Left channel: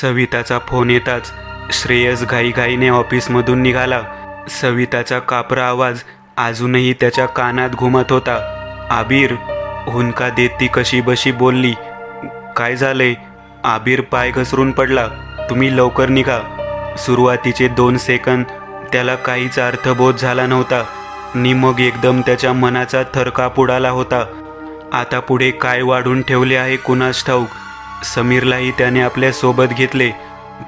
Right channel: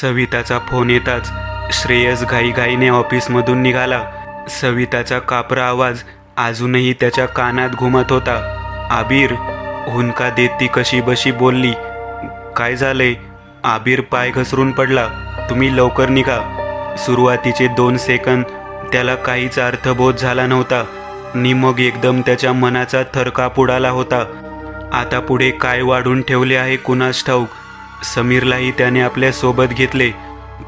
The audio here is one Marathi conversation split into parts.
सविताचा फोन येताच श्रेयस घाईघाईने ऑफिसमधून निघाला. सविताचा कापरा आवाज अजूनही त्याच्या कानात घुमत होता. आबिर, हुंदका देत ती कशी बशी बोलली. काय झालंय? आबिर पाय घसरून पडला. तुम्ही लवकर निघा. सुरुवातीचे 2 सेकंद त्याला काहीच अर्थबोध झाला नव्हता. नि मग एकदम त्याच्या मनाचा थरकाप उडाला होता. आता पुढे काय वाढून ठेवले आहे कुणास ठाऊक. समीरलाही त्याने आपल्या सोबत घेतले.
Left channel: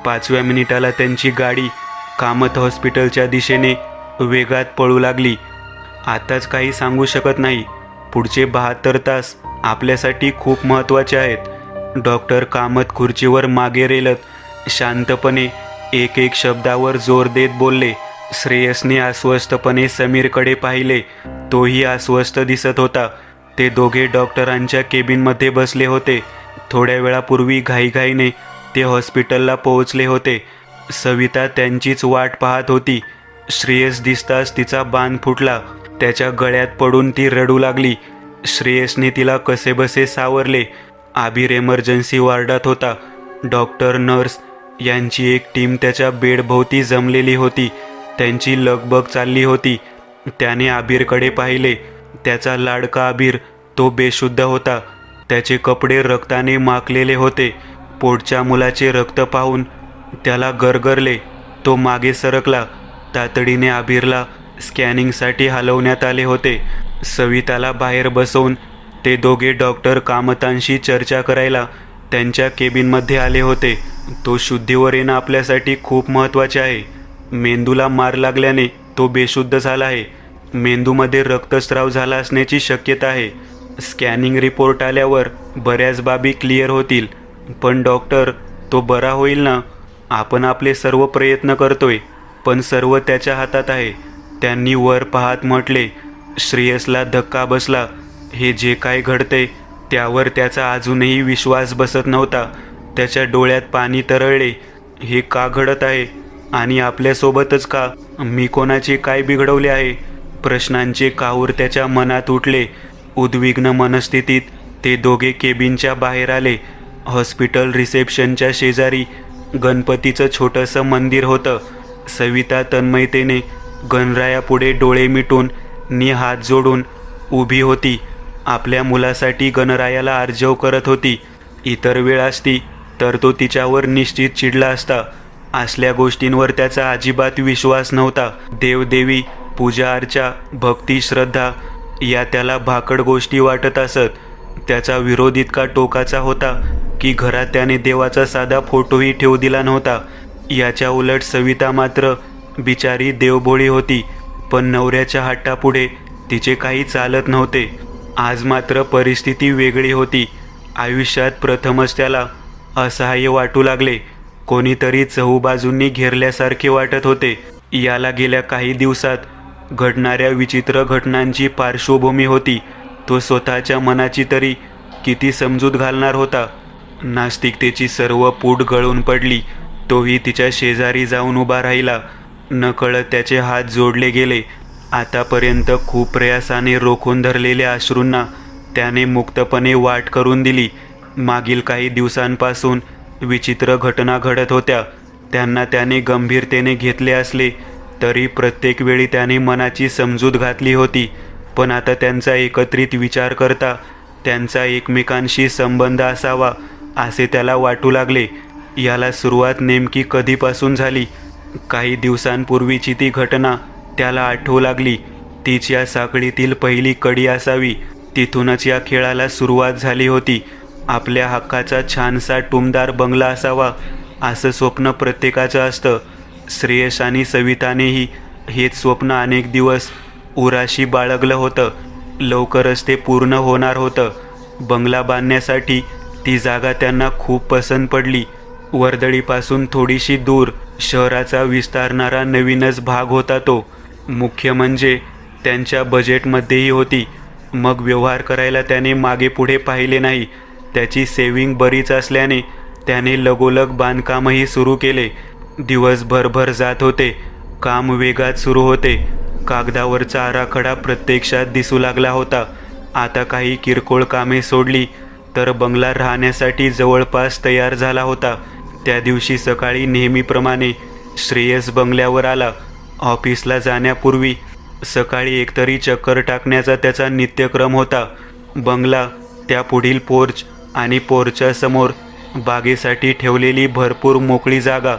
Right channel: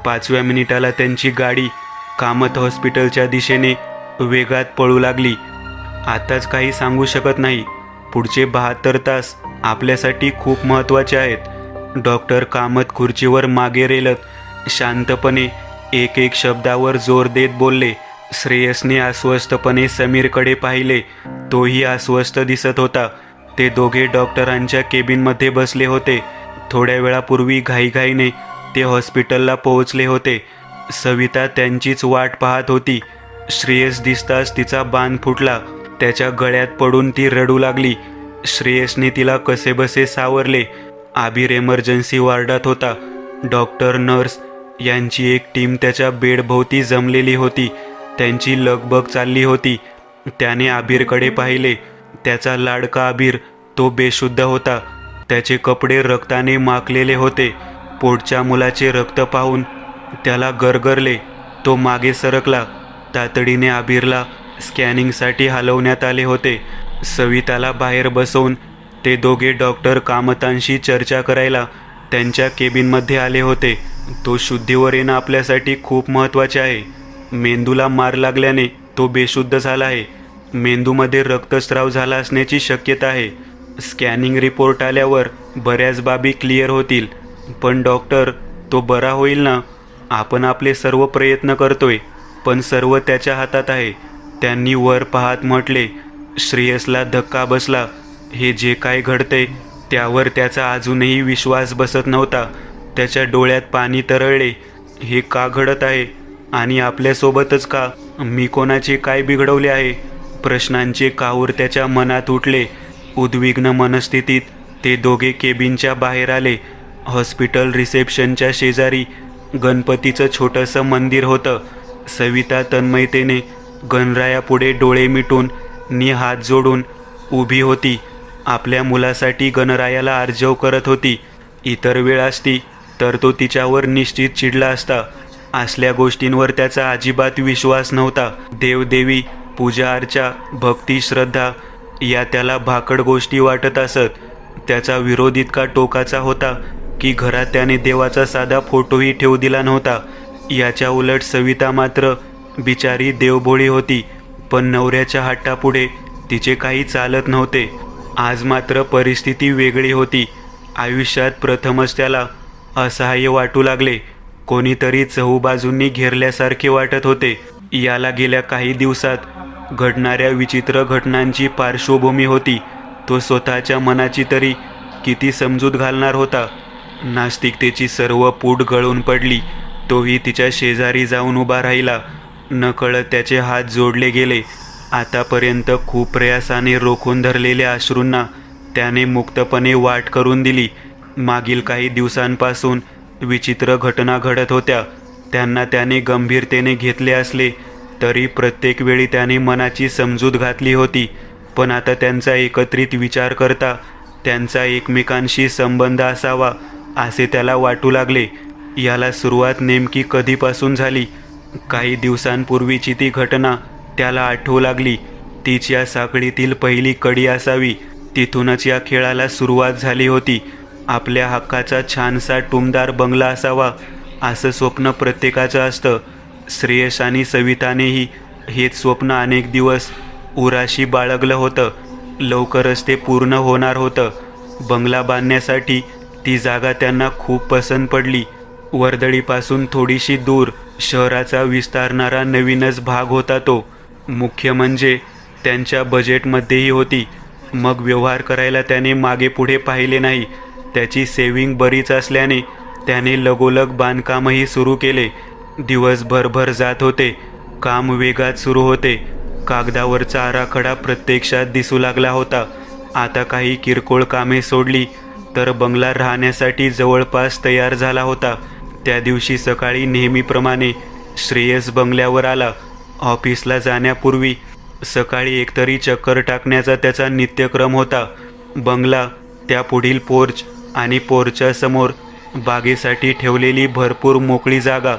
5व्या मिनिटाला त्यांची गाडी कामत हॉस्पिटलच्या दिशेने वेगात पळू लागली. आताच काही सांगू शकत नाही. पुढचे 72 तास आपल्यासाठी खूप महत्त्वाचे आहेत. डॉक्टर कामत खुर्चीवर मागे रेलत शांतपणे एक एक शब्दावर जोर देत बोलले. श्रेयसने अस्वस्थपणे समीरकडे पाहिले. तोही अस्वस्थ दिसत होता. ते दोघे डॉक्टरांच्या केबिनमध्ये बसले होते. थोड्या वेळापूर्वी घाईघाईने ते हॉस्पिटलला पोहोचले होते. सविता त्यांचीच वाट पाहत होती. श्रेयस दिसताच तिचा बांध फुटला. त्याच्या गळ्यात पडून ती रडू लागली. श्रेयसने तिला कसेबसे सावरले. आबिर एमर्जन्सी वॉर्डात होता. डॉक्टर, नर्स यांची एक टीम त्याच्या बेडभोवती जमलेली होती. त्यांची लगबग चालली होती. त्याने आबिरकडे पाहिले. त्याचा लाडका आबिर तो बेशुद्ध होता. त्याचे कपडे रक्ताने माखलेले होते. पोटच्या मुलाचे रक्त पाहून त्याला गरगरले. तो मागे सरकला. तातडीने आबिरला स्कॅनिंगसाठी हलवण्यात आले होते. सविताला बाहेर बसवून ते दोघे डॉक्टर कामतांशी चर्चा करायला त्यांच्या केबिनमध्ये आले होते. तो शुद्धीवर येणं आपल्यासाठी खूप महत्त्वाचे आहे. मेंदूला मार लागल्याने तो बेशुद्ध झाला आहे. मेंदूमध्ये रक्तस्राव झाला असण्याची शक्यता आहे. स्कॅनिंग रिपोर्ट आल्यावर बऱ्याच बाबी क्लिअर होतील. पण डॉक्टर, तो बरा होईल ना? आपण आपले सर्व प्रयत्न करतोय, पण सर्व त्याच्या हातात आहे. त्यांनी वर पाहत म्हटले. श्रेयसला धक्का बसला. हे जे काय घडतंय त्यावर त्याचा अजूनही विश्वास बसत नव्हता. त्याच्या डोळ्यात पाणी तरळले. हे का घडत आहे? आणि आपल्यासोबतच का? मी कोणाचे काय बिघडवले आहे? प्रश्नांचे काहूर त्याच्या मनात उठले. उद्विग्न मनस्थितीत ते दोघे केबिनच्या बाहेर आले. हॉस्पिटल रिसेप्शनच्या शेजारी गणपतीचं छोटंसं मंदिर होतं. सविता तन्मयतेने गणरायापुढे डोळे मिटून नि हात जोडून उभी होती. आपल्या मुलासाठी गणरायाला आर्जव करत होती. इतर वेळ असती तर तो तिच्यावर निश्चित चिडला असता. असल्या गोष्टींवर त्याचा अजिबात विश्वास नव्हता. देवदेवी, पूजा अर्चा, भक्ती, श्रद्धा या त्याला भाकड गोष्टी वाटत असत. त्याचा विरोध इतका टोकाचा होता की घरात त्याने देवाचा साधा फोटोही ठेवू दिला नव्हता. याच्या उलट सविता मात्र बिचारी देवभोळी होती. पण नवऱ्याच्या हट्टापुढे तिचे काही चालत नव्हते. आज मात्र परिस्थिती वेगळी होती. आयुष्यात प्रथमच त्याला असहाय्य वाटू लागले. कोणीतरी चहूबाजूंनी घेरल्यासारखे वाटत होते. याला गेल्या काही दिवसात घडणाऱ्या विचित्र घटनांची पार्श्वभूमी होती. तो स्वतःच्या मनाची तरी किती समजूत घालणार होता. नास्तिकतेची सर्व पूट गळून पडली. तोही तिच्या शेजारी जाऊन उभा राहिला. नकळत त्याचे हात जोडले गेले. आतापर्यंत खूप प्रयासाने रोखून धरलेल्या अश्रूंना त्याने मुक्तपणे वाट करून दिली. मागील काही दिवसांपासून विचित्र घटना घडत होत्या. त्यांना त्याने गंभीरतेने घेतले असले तरी प्रत्येक वेळी त्याने मनाची समजूत घातली होती. पण आता त्यांचा एकत्रित विचार करता त्यांचा एकमेकांशी संबंध असावा असे त्याला वाटू लागले. याला सुरुवात नेमकी कधीपासून झाली? काही दिवसांपूर्वीची ती घटना त्याला आठवू लागली. तीच या साखळीतील पहिली कडी असावी. तिथूनच या खेळाला सुरुवात झाली होती. आपल्या हक्काचा छानसा टुमदार बंगला असावा असं स्वप्न प्रत्येकाचं असतं. श्रेयस आणि सवितानेही हेच स्वप्न अनेक दिवस उराशी बाळगलं होतं. लवकरच ते पूर्ण होणार होतं. बंगला बांधण्यासाठी ती जागा त्यांना खूप पसंत पडली. वर्दळीपासून थोडीशी दूर शहराचा विस्तारणारा नवीनच भाग होता तो. मुख्य म्हणजे त्यांच्या बजेटमध्येही होती. मग व्यवहार करायला त्याने मागे पुढे पाहिले नाही. त्याची सेव्हिंग बरीच असल्याने त्याने लगोलग बांधकामही सुरू केले. दिवस भरभर जात होते. काम वेगात सुरू होते. कागदावरचा आराखडा प्रत्यक्षात दिसू लागला होता. आता काही किरकोळ कामे सोडली तर बंगला राहण्यासाठी जवळपास तयार झाला होता. त्या दिवशी सकाळी नेहमीप्रमाणे श्रेयस बंगल्यावर आला. ऑफिसला जाण्यापूर्वी सकाळी एकतरी चक्कर टाकण्याचा त्याचा नित्यक्रम होता. बंगला, त्या पुढील पोर्च आणि पोर्चच्या समोर बागेसाठी ठेवलेली भरपूर मोकळी जागा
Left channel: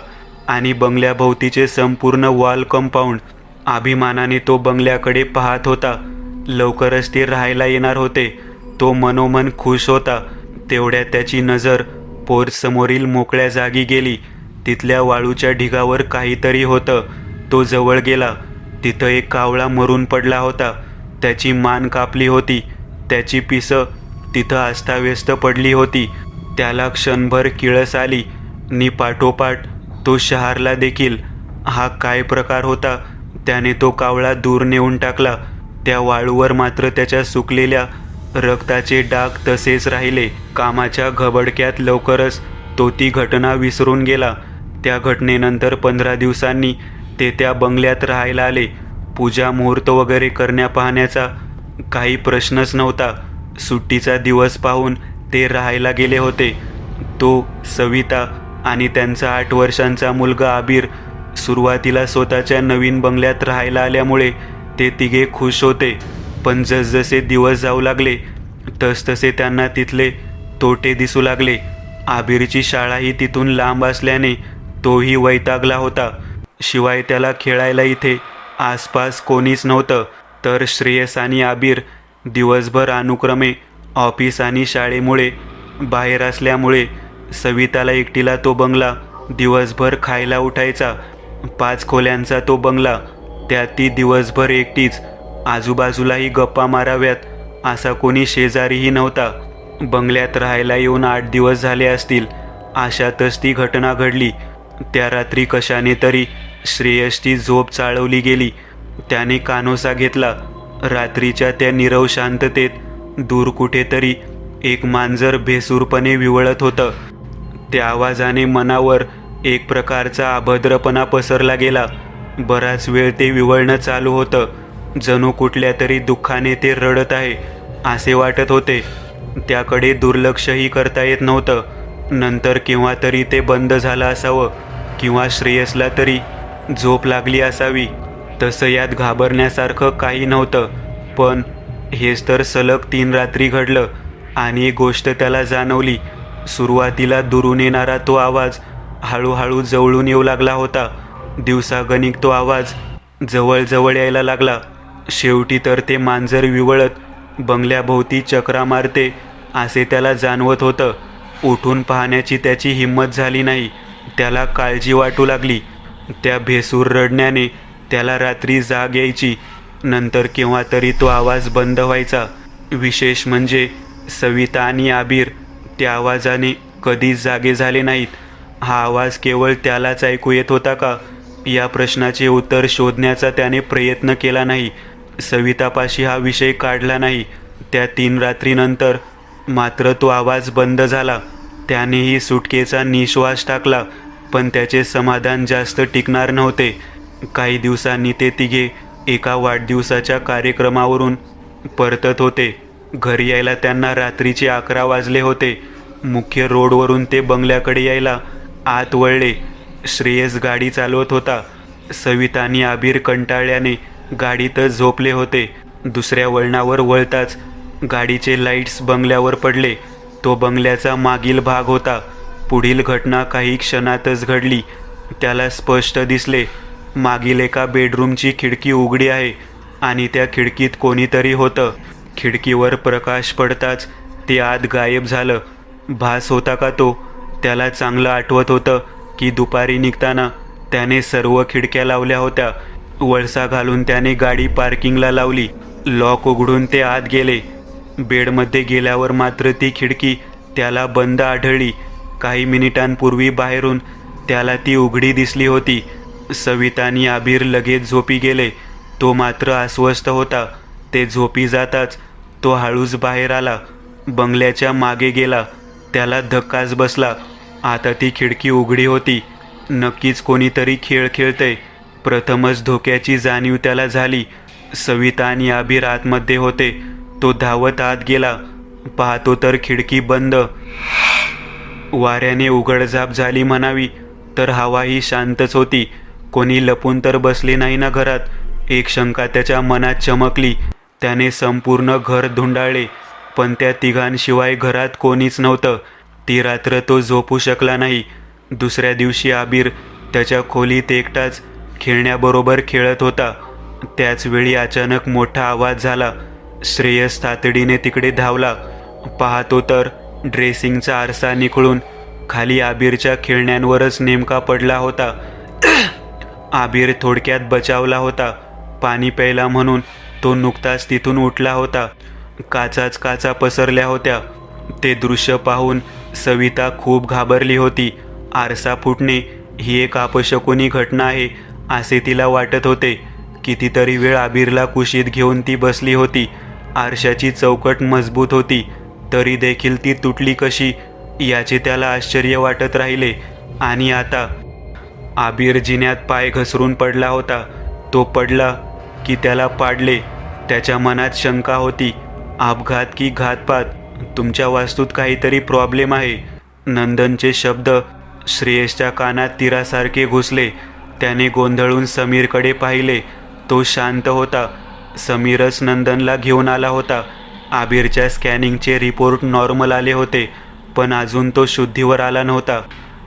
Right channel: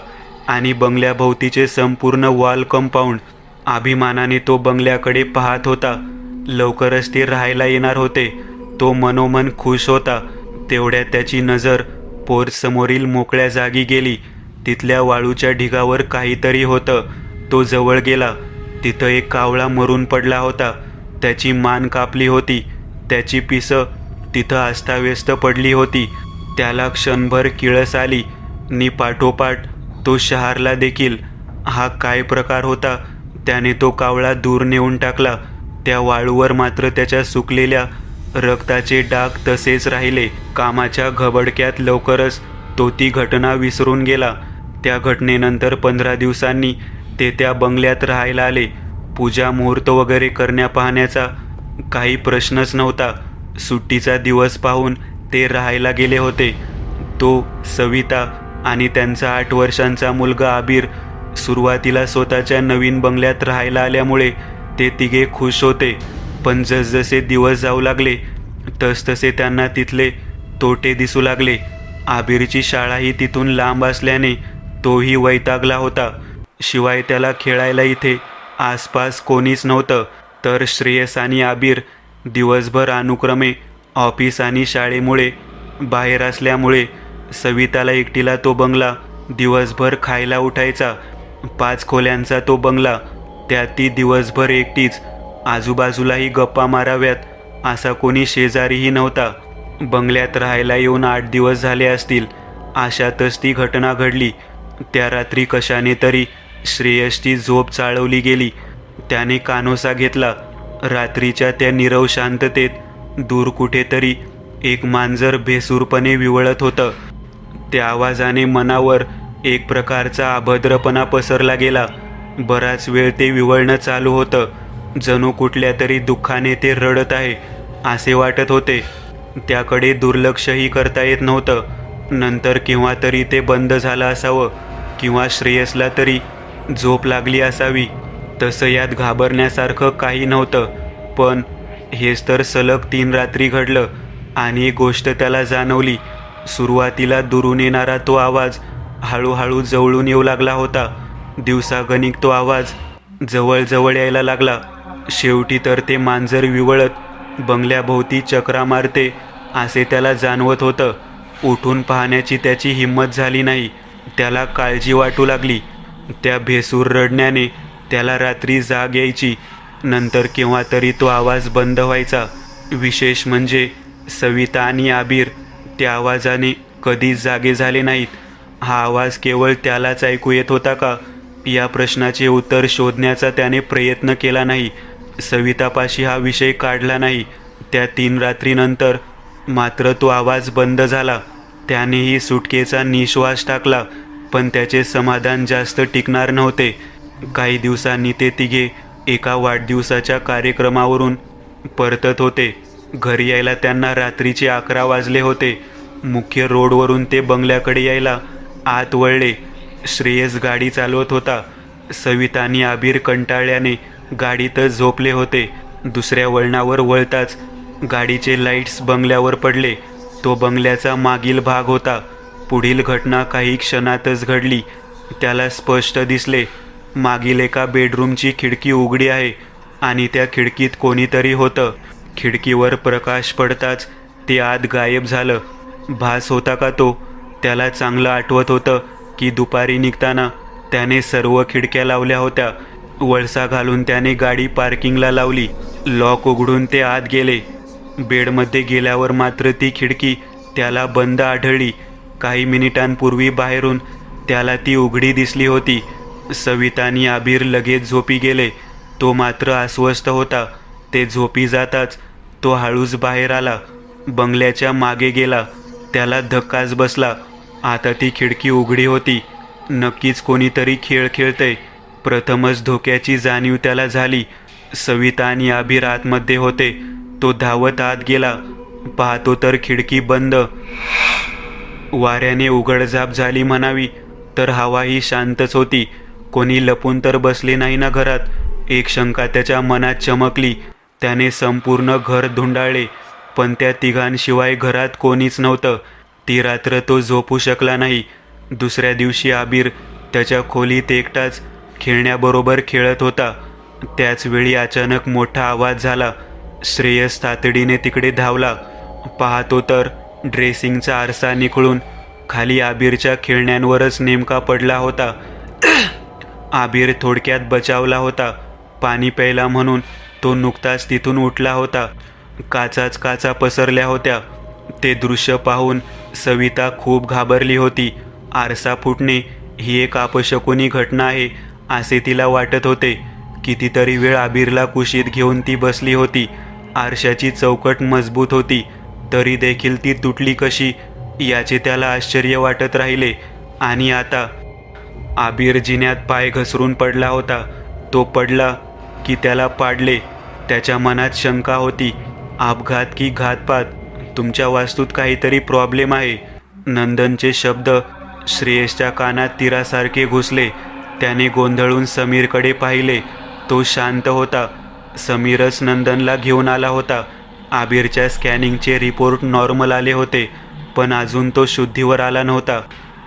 आणि बंगल्याभोवतीचे संपूर्ण वॉल कंपाऊंड. अभिमानाने तो बंगल्याकडे पाहत होता. लवकरच ते राहायला येणार होते. तो मनोमन खुश होता. तेवढ्यात त्याची नजर पोर्च समोरील मोकळ्या जागी गेली. तिथल्या वाळूच्या ढिगावर काहीतरी होतं. तो जवळ गेला. तिथं एक कावळा मरून पडला होता. त्याची मान कापली होती. त्याची पिसं तिथं अस्ताव्यस्त पडली होती. त्याला क्षणभर किळस आली नि पाठोपाठ तो शहारला देखील. हा काय प्रकार होता? त्याने तो कावळा दूर नेऊन टाकला. त्या वाळूवर मात्र त्याच्या सुकलेल्या रक्ताचे डाग तसेच राहिले. कामाच्या घबडक्यात लवकरच तो ती घटना विसरून गेला. त्या घटनेनंतर 15 दिवसांनी ते त्या बंगल्यात राहायला आले. पूजा मुहूर्त वगैरे करण्या पाहण्याचा काही प्रश्नच नव्हता. सुट्टीचा दिवस पाहून ते राहायला गेले होते. तो, सविता आणि त्यांचा 8 वर्षांचा मुलगा आबिर सुरुवातीला स्वतःच्या नवीन बंगल्यात राहायला आल्यामुळे ते तिघे खुश होते. पण जसजसे दिवस जाऊ लागले तसतसे त्यांना तिथले तोटे दिसू लागले. आबिरची शाळाही तिथून लांब असल्याने तोही वैतागला होता. शिवाय त्याला खेळायला इथे आसपास कोणीच नव्हतं. तर श्रेयस आणि आबिर दिवसभर अनुक्रमे ऑफिस आणि शाळेमुळे बाहेर असल्यामुळे सविताला एकटीला तो बंगला दिवसभर खायला उठायचा. 5 खोल्यांचा तो बंगला, त्यात ती दिवसभर एकटीच. आजूबाजूलाही गप्पा माराव्यात असा कोणी शेजारीही नव्हता. बंगल्यात राहायला येऊन 8 दिवस झाले असतील. अशातच ती घटना घडली. त्या रात्री कशाने तरी श्रेयसची झोप चाळवली गेली. त्याने कानोसा घेतला. रात्रीच्या त्या नीरव शांततेत दूर कुठेतरी एक मांजर बेसूरपणे विवळत होतं. त्या आवाजाने मनावर एक प्रकारचा अभद्रपणा पसरला गेला. बराच वेळ ते विवळणं चालू होतं. जणू कुठल्या तरी दुःखाने ते रडत आहे असे वाटत होते. त्याकडे दुर्लक्षही करता येत नव्हतं. नंतर केव्हा तरी ते बंद झालं असावं किंवा श्रेयसला तरी झोप लागली असावी. तसं यात घाबरण्यासारखं काही नव्हतं. पण हेच तर सलग 3 रात्री घडलं. आणि एक गोष्ट त्याला जाणवली. सुरुवातीला दुरून येणारा तो आवाज हळूहळू जवळून येऊ लागला होता. दिवसागणिक तो आवाज जवळ यायला लागला. शेवटी तर ते मांजर विवळत बंगल्याभोवती चक्रा मारते असे त्याला जाणवत होतं. उठून पाहण्याची त्याची हिंमत झाली नाही. त्याला काळजी वाटू लागली. त्या भेसूर रडण्याने त्याला रात्री जाग यायची. नंतर केव्हा तरी तो आवाज बंद व्हायचा. विशेष म्हणजे सविता आणि आबिर त्या आवाजाने कधीच जागे झाले नाहीत. हा आवाज केवळ त्यालाच ऐकू येत होता का? या प्रश्नाचे उत्तर शोधण्याचा त्याने प्रयत्न केला नाही. सवितापाशी हा विषय काढला नाही. त्या 3 रात्रीनंतर मात्र तो आवाज बंद झाला. त्यानेही सुटकेचा निश्वास टाकला. पण त्याचे समाधान जास्त टिकणार नव्हते. काही दिवसांनी ते तिघे एका वाढदिवसाच्या कार्यक्रमावरून परतत होते. घरी यायला त्यांना रात्रीचे 11 वाजले होते. मुख्य रोडवरून ते बंगल्याकडे यायला आत वळले. श्रेयस गाडी चालवत होता. सविता आणि आबिर कंटाळल्याने गाडीतच झोपले होते. दुसऱ्या वळणावर वळताच गाडीचे लाईट्स बंगल्यावर पडले. तो बंगल्याचा मागील भाग होता. पुढील घटना काही क्षणातच घडली. त्याला स्पष्ट दिसले. मागील एका बेडरूमची खिडकी उघडी आहे आणि त्या खिडकीत कोणीतरी होतं. खिडकीवर प्रकाश पडताच ते आत गायब झालं. भास होता का तो? त्याला चांगलं आठवत होतं की दुपारी निघताना त्याने सर्व खिडक्या लावल्या होत्या. वळसा घालून त्याने गाडी पार्किंगला लावली. लॉक उघडून ते आत गेले. बेडमध्ये गेल्यावर मात्र ती खिडकी त्याला बंद आढळली. काही मिनिटांपूर्वी बाहेरून त्याला ती उघडी दिसली होती. सविता आणि आबिर लगेच झोपी गेले. तो मात्र अस्वस्थ होता. ते झोपी जाताच तो हळूच बाहेर आला. बंगल्याच्या मागे गेला. त्याला धक्काच बसला. आता ती खिडकी उघडी होती. नक्कीच कोणीतरी खेळ खेळतंय. प्रथमच धोक्याची जाणीव त्याला झाली. सविता आणि आबिर आतमध्ये होते. तो धावत आत गेला. पाहतो तर खिडकी बंद. वाऱ्याने उघडझाप झाली म्हणावी तर हवाही शांतच होती. कोणी लपून तर बसले नाही ना घरात? एक शंका त्याच्या मनात चमकली. त्याने संपूर्ण घर धुंडाळले, पण त्या तिघांशिवाय घरात कोणीच नव्हतं. ती रात्र तो झोपू शकला नाही. दुसऱ्या दिवशी आबीर त्याच्या खोलीत एकटाच खेळण्याबरोबर खेळत होता. त्याच वेळी अचानक मोठा आवाज झाला. श्रेयस तातडीने तिकडे धावला. पाहतो तर ड्रेसिंगचा आरसा निखळून खाली आबीरच्या खेळण्यांवरच नेमका पडला होता. आबीर थोडक्यात बचावला होता. पाणी प्यायला म्हणून तो नुकताच तिथून उठला होता. काचाच काचा पसरल्या होत्या. ते दृश्य पाहून सविता खूप घाबरली होती. आरसा फुटणे ही एक अपशकुनी घटना आहे असे तिला वाटत होते. कितीतरी वेळ आबीरला कुशीत घेऊन ती बसली होती. आरशाची चौकट मजबूत होती, तरी देखील ती तुटली कशी याचे त्याला आश्चर्य वाटत राहिले. आणि आता आबीर जिन्यात पाय घसरून पडला होता. तो पडला की त्याला पाडले. त्याच्या मनात शंका होती. अपघात की घातपात? तुमच्या वास्तूत काहीतरी प्रॉब्लेम आहे. नंदनचे शब्द श्रेयसच्या कानात तीरासारखे घुसले. त्याने गोंधळून समीरकडे पाहिले. तो शांत होता. समीरच नंदनला घेऊन आला होता. आबीरच्या स्कॅनिंगचे रिपोर्ट नॉर्मल आले होते, पण अजून तो शुद्धीवर आला नव्हता.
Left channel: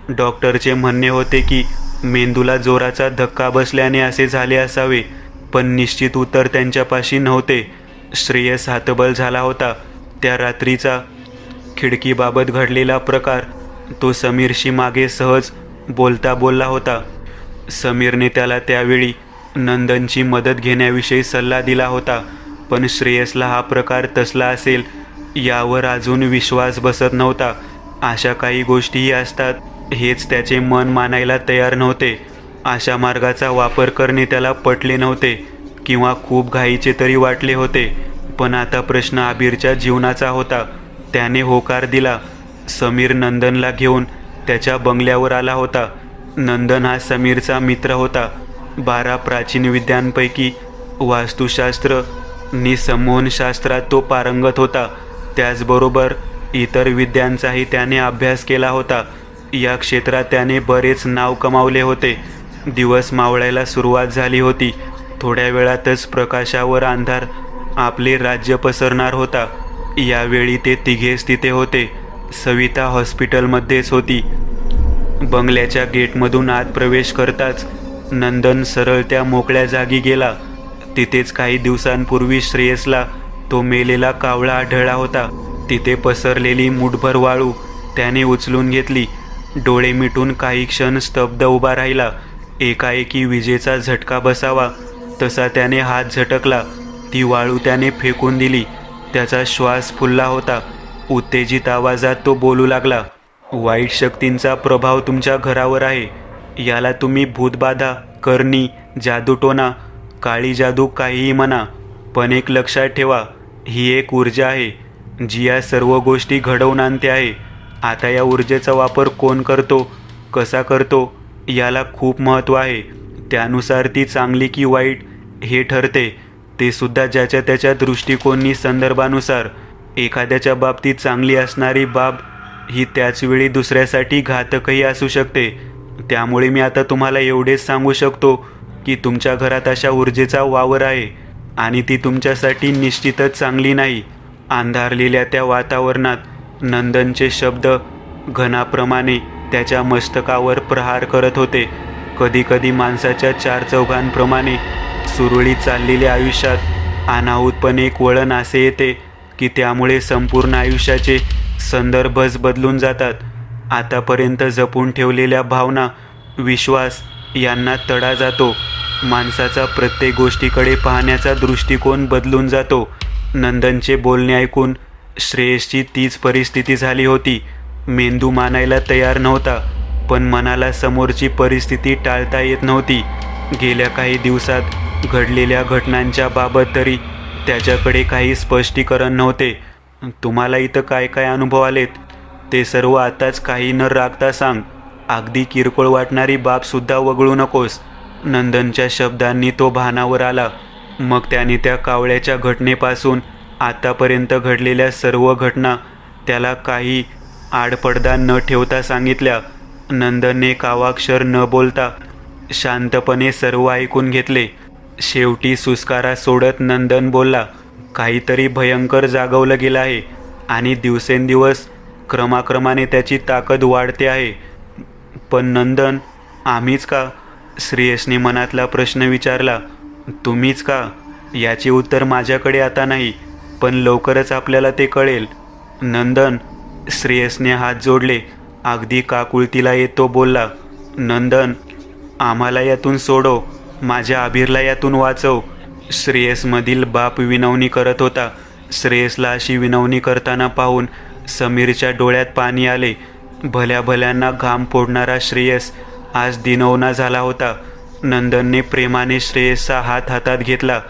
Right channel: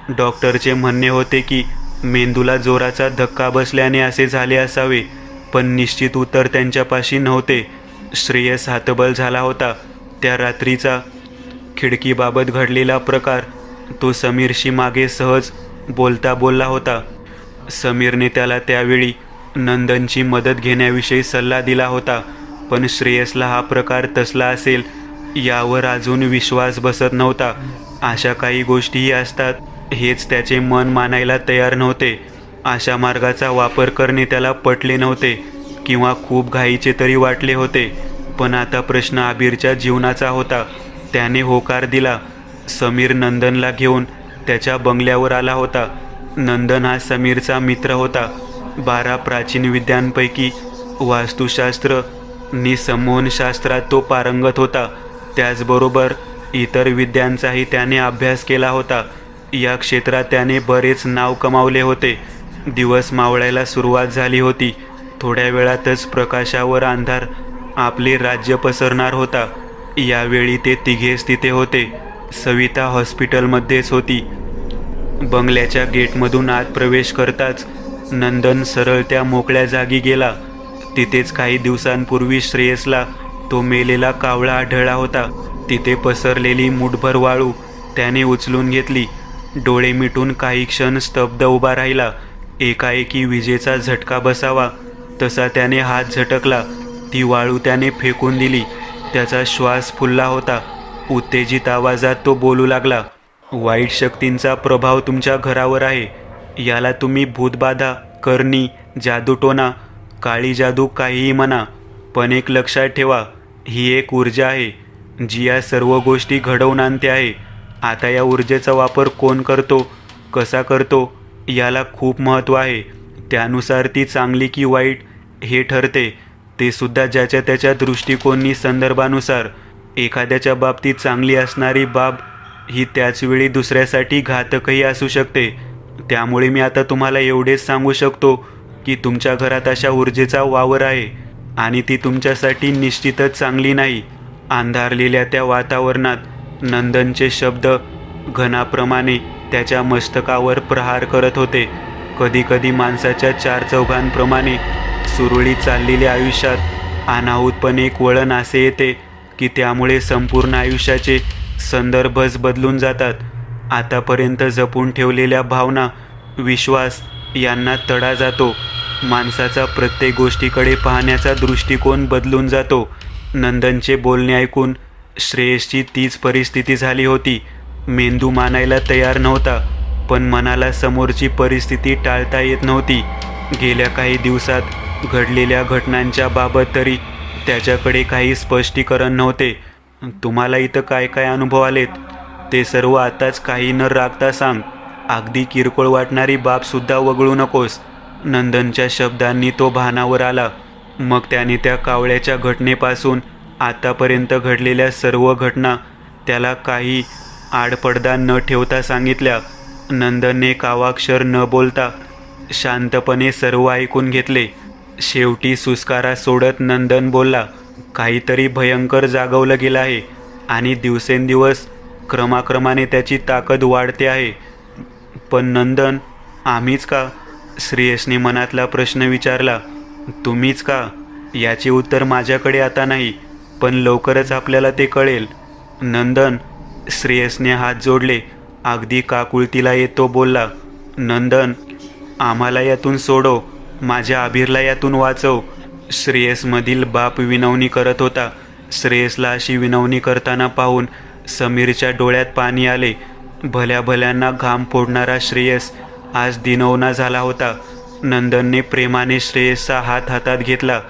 डॉक्टरचे म्हणणे होते की मेंदूला जोराचा धक्का बसल्याने असे झाले असावे, पण निश्चित उत्तर त्यांच्यापाशी नव्हते. श्रेयस हतबल झाला होता. त्या रात्रीचा खिडकीबाबत घडलेला प्रकार तो समीरशी मागे सहज बोलला होता. समीरने त्याला त्यावेळी नंदनची मदत घेण्याविषयी सल्ला दिला होता, पण श्रेयसला हा प्रकार तसला असेल यावर अजून विश्वास बसत नव्हता. अशा काही गोष्टीही असतात हेच त्याचे मन मानायला तयार नव्हते. अशा मार्गाचा वापर करणे त्याला पटले नव्हते, किंवा खूप घाईचे तरी वाटले होते. पण आता प्रश्न आबीरच्या जीवनाचा होता. त्याने होकार दिला. समीर नंदनला घेऊन त्याच्या बंगल्यावर आला होता. नंदन हा समीरचा मित्र होता. 12 प्राचीन विद्यांपैकी वास्तुशास्त्र नि संमोहनशास्त्रात तो पारंगत होता. त्याचबरोबर इतर विद्यांचाही त्याने अभ्यास केला होता. या क्षेत्रात त्याने बरेच नाव कमावले होते. दिवस मावळायला सुरुवात झाली होती. थोड्या वेळातच प्रकाशावर अंधार आपले राज्य पसरणार होता. यावेळी ते तिघेच तिथे होते. सविता हॉस्पिटलमध्येच होती. बंगल्याच्या गेटमधून आत प्रवेश करताच नंदन सरळ त्या मोकळ्या जागी गेला. तिथेच काही दिवसांपूर्वी श्रेयसला तो मेलेला कावळा आढळला होता. तिथे पसरलेली मुठभर वाळू त्याने उचलून घेतली. डोळे मिटून काही क्षण स्तब्ध उभा राहिला. एकाएकी विजेचा झटका बसावा तसा त्याने हात झटकला. ती वाळू त्याने फेकून दिली. त्याचा श्वास फुलला होता. उत्तेजित आवाजात तो बोलू लागला. वाईट शक्तींचा प्रभाव तुमच्या घरावर आहे. याला तुम्ही भूतबाधा, करणी, जादूटोणा, काळी जादू काहीही म्हणा, पण एक लक्षात ठेवा, ही एक ऊर्जा आहे जी या सर्व गोष्टी घडवून आणते आहे. आता या ऊर्जेचा वापर कोण करतो, कसा करतो याला खूप महत्त्व आहे. त्यानुसार ती चांगली की वाईट हे ठरते. ते सुद्धा ज्याच्या त्याच्या दृष्टिकोनी संदर्भानुसार. एखाद्याच्या बाबतीत चांगली असणारी बाब ही त्याचवेळी दुसऱ्यासाठी घातकही असू शकते. त्यामुळे मी आता तुम्हाला एवढेच सांगू शकतो की तुमच्या घरात अशा ऊर्जेचा वावर आहे आणि ती तुमच्यासाठी निश्चितच चांगली नाही. अंधारलेल्या त्या वातावरणात नंदनचे शब्द घनाप्रमाणे त्याच्या मस्तकावर प्रहार करत होते. कधीकधी माणसाच्या 4 चौघांप्रमाणे सुरळीत चाललेल्या आयुष्यात अनाहूतपणे एक वळण असे येते की त्यामुळे संपूर्ण आयुष्याचे संदर्भच बदलून जातात. आतापर्यंत जपून ठेवलेल्या भावना, विश्वास यांना तडा जातो. माणसाचा प्रत्येक गोष्टीकडे पाहण्याचा दृष्टिकोन बदलून जातो. नंदनचे बोलणे ऐकून श्रेयसची तीच परिस्थिती झाली होती. मेंदू मानायला तयार नव्हता, पण मनाला समोरची परिस्थिती टाळता येत नव्हती. गेल्या काही दिवसात घडलेल्या घटनांच्या बाबत तरी त्याच्याकडे काही स्पष्टीकरण नव्हते. तुम्हाला इथं काय काय अनुभव आलेत ते सर्व आताच काही न राखता सांग. अगदी किरकोळ वाटणारी बाबसुद्धा वगळू नकोस. नंदनच्या शब्दांनी तो भानावर आला. मग त्याने त्या कावळ्याच्या घटनेपासून आतापर्यंत घडलेल्या सर्व घटना त्याला काही आडपडदा न ठेवता सांगितल्या. नंदनने कावाक्षर न बोलता शांतपणे सर्व ऐकून घेतले. शेवटी सुस्कारा सोडत नंदन बोलला, काहीतरी भयंकर जागवलं गेलं आहे आणि दिवसेंदिवस क्रमाक्रमाने त्याची ताकद वाढते आहे. पण नंदन, आम्हीच का? श्रेयसने मनातला प्रश्न विचारला. तुम्हीच का? याचे उत्तर माझ्याकडे आता नाही, पण लवकरच आपल्याला ते कळेल. नंदन, श्रेयसने हात जोडले. अगदी काकुळतीला येतो बोलला, नंदन, आम्हाला यातून सोडव, माझ्या आबिरला यातून वाचव. श्रेयसमधील बाप विनवणी करत होता. श्रेयसला अशी विनवणी करताना पाहून समीरच्या डोळ्यात पाणी आले. भल्या भल्यांना घाम फोडणारा श्रेयस आज दिनवना झाला होता. नंदनने प्रेमाने श्रेयसचा हात हातात घेतला.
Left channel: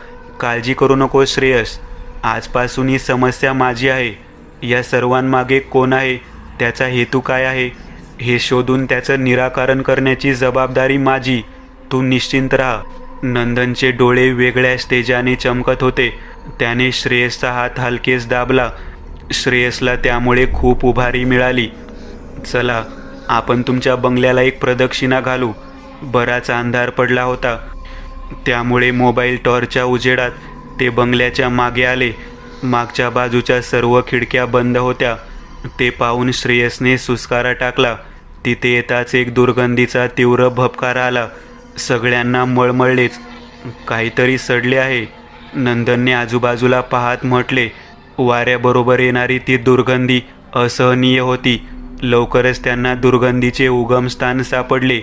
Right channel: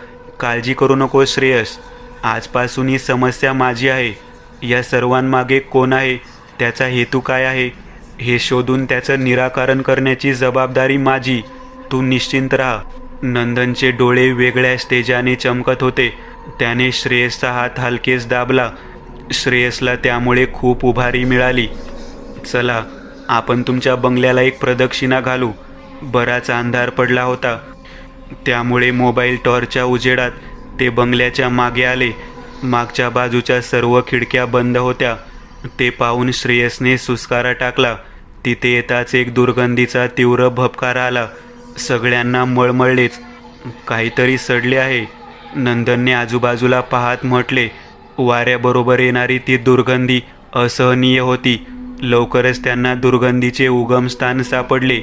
काळजी करू नको श्रेयस, आजपासून ही समस्या माझी आहे. या सर्वांमागे कोण आहे, त्याचा हेतू काय आहे, हे शोधून त्याचं निराकरण करण्याची जबाबदारी माझी. तू निश्चिंत राहा. नंदनचे डोळे वेगळ्याच तेजाने चमकत होते. त्याने श्रेयसचा हात हलकेच दाबला. श्रेयसला त्यामुळे खूप उभारी मिळाली. चला, आपण तुमच्या बंगल्याला एक प्रदक्षिणा घालू. बराच अंधार पडला होता, त्यामुळे मोबाईल टॉर्चच्या उजेडात ते बंगल्याच्या मागे आले. मागच्या बाजूच्या सर्व खिडक्या बंद होत्या. ते पाहून श्रेयसने सुस्कारा टाकला. तिथे येताच एक दुर्गंधीचा तीव्र भपकारा आला. सगळ्यांना मळमळलेच. काहीतरी सडले आहे. नंदनने आजूबाजूला पाहत म्हटले. वाऱ्याबरोबर येणारी ती दुर्गंधी असहनीय होती. लवकरच त्यांना दुर्गंधीचे उगमस्थान सापडले.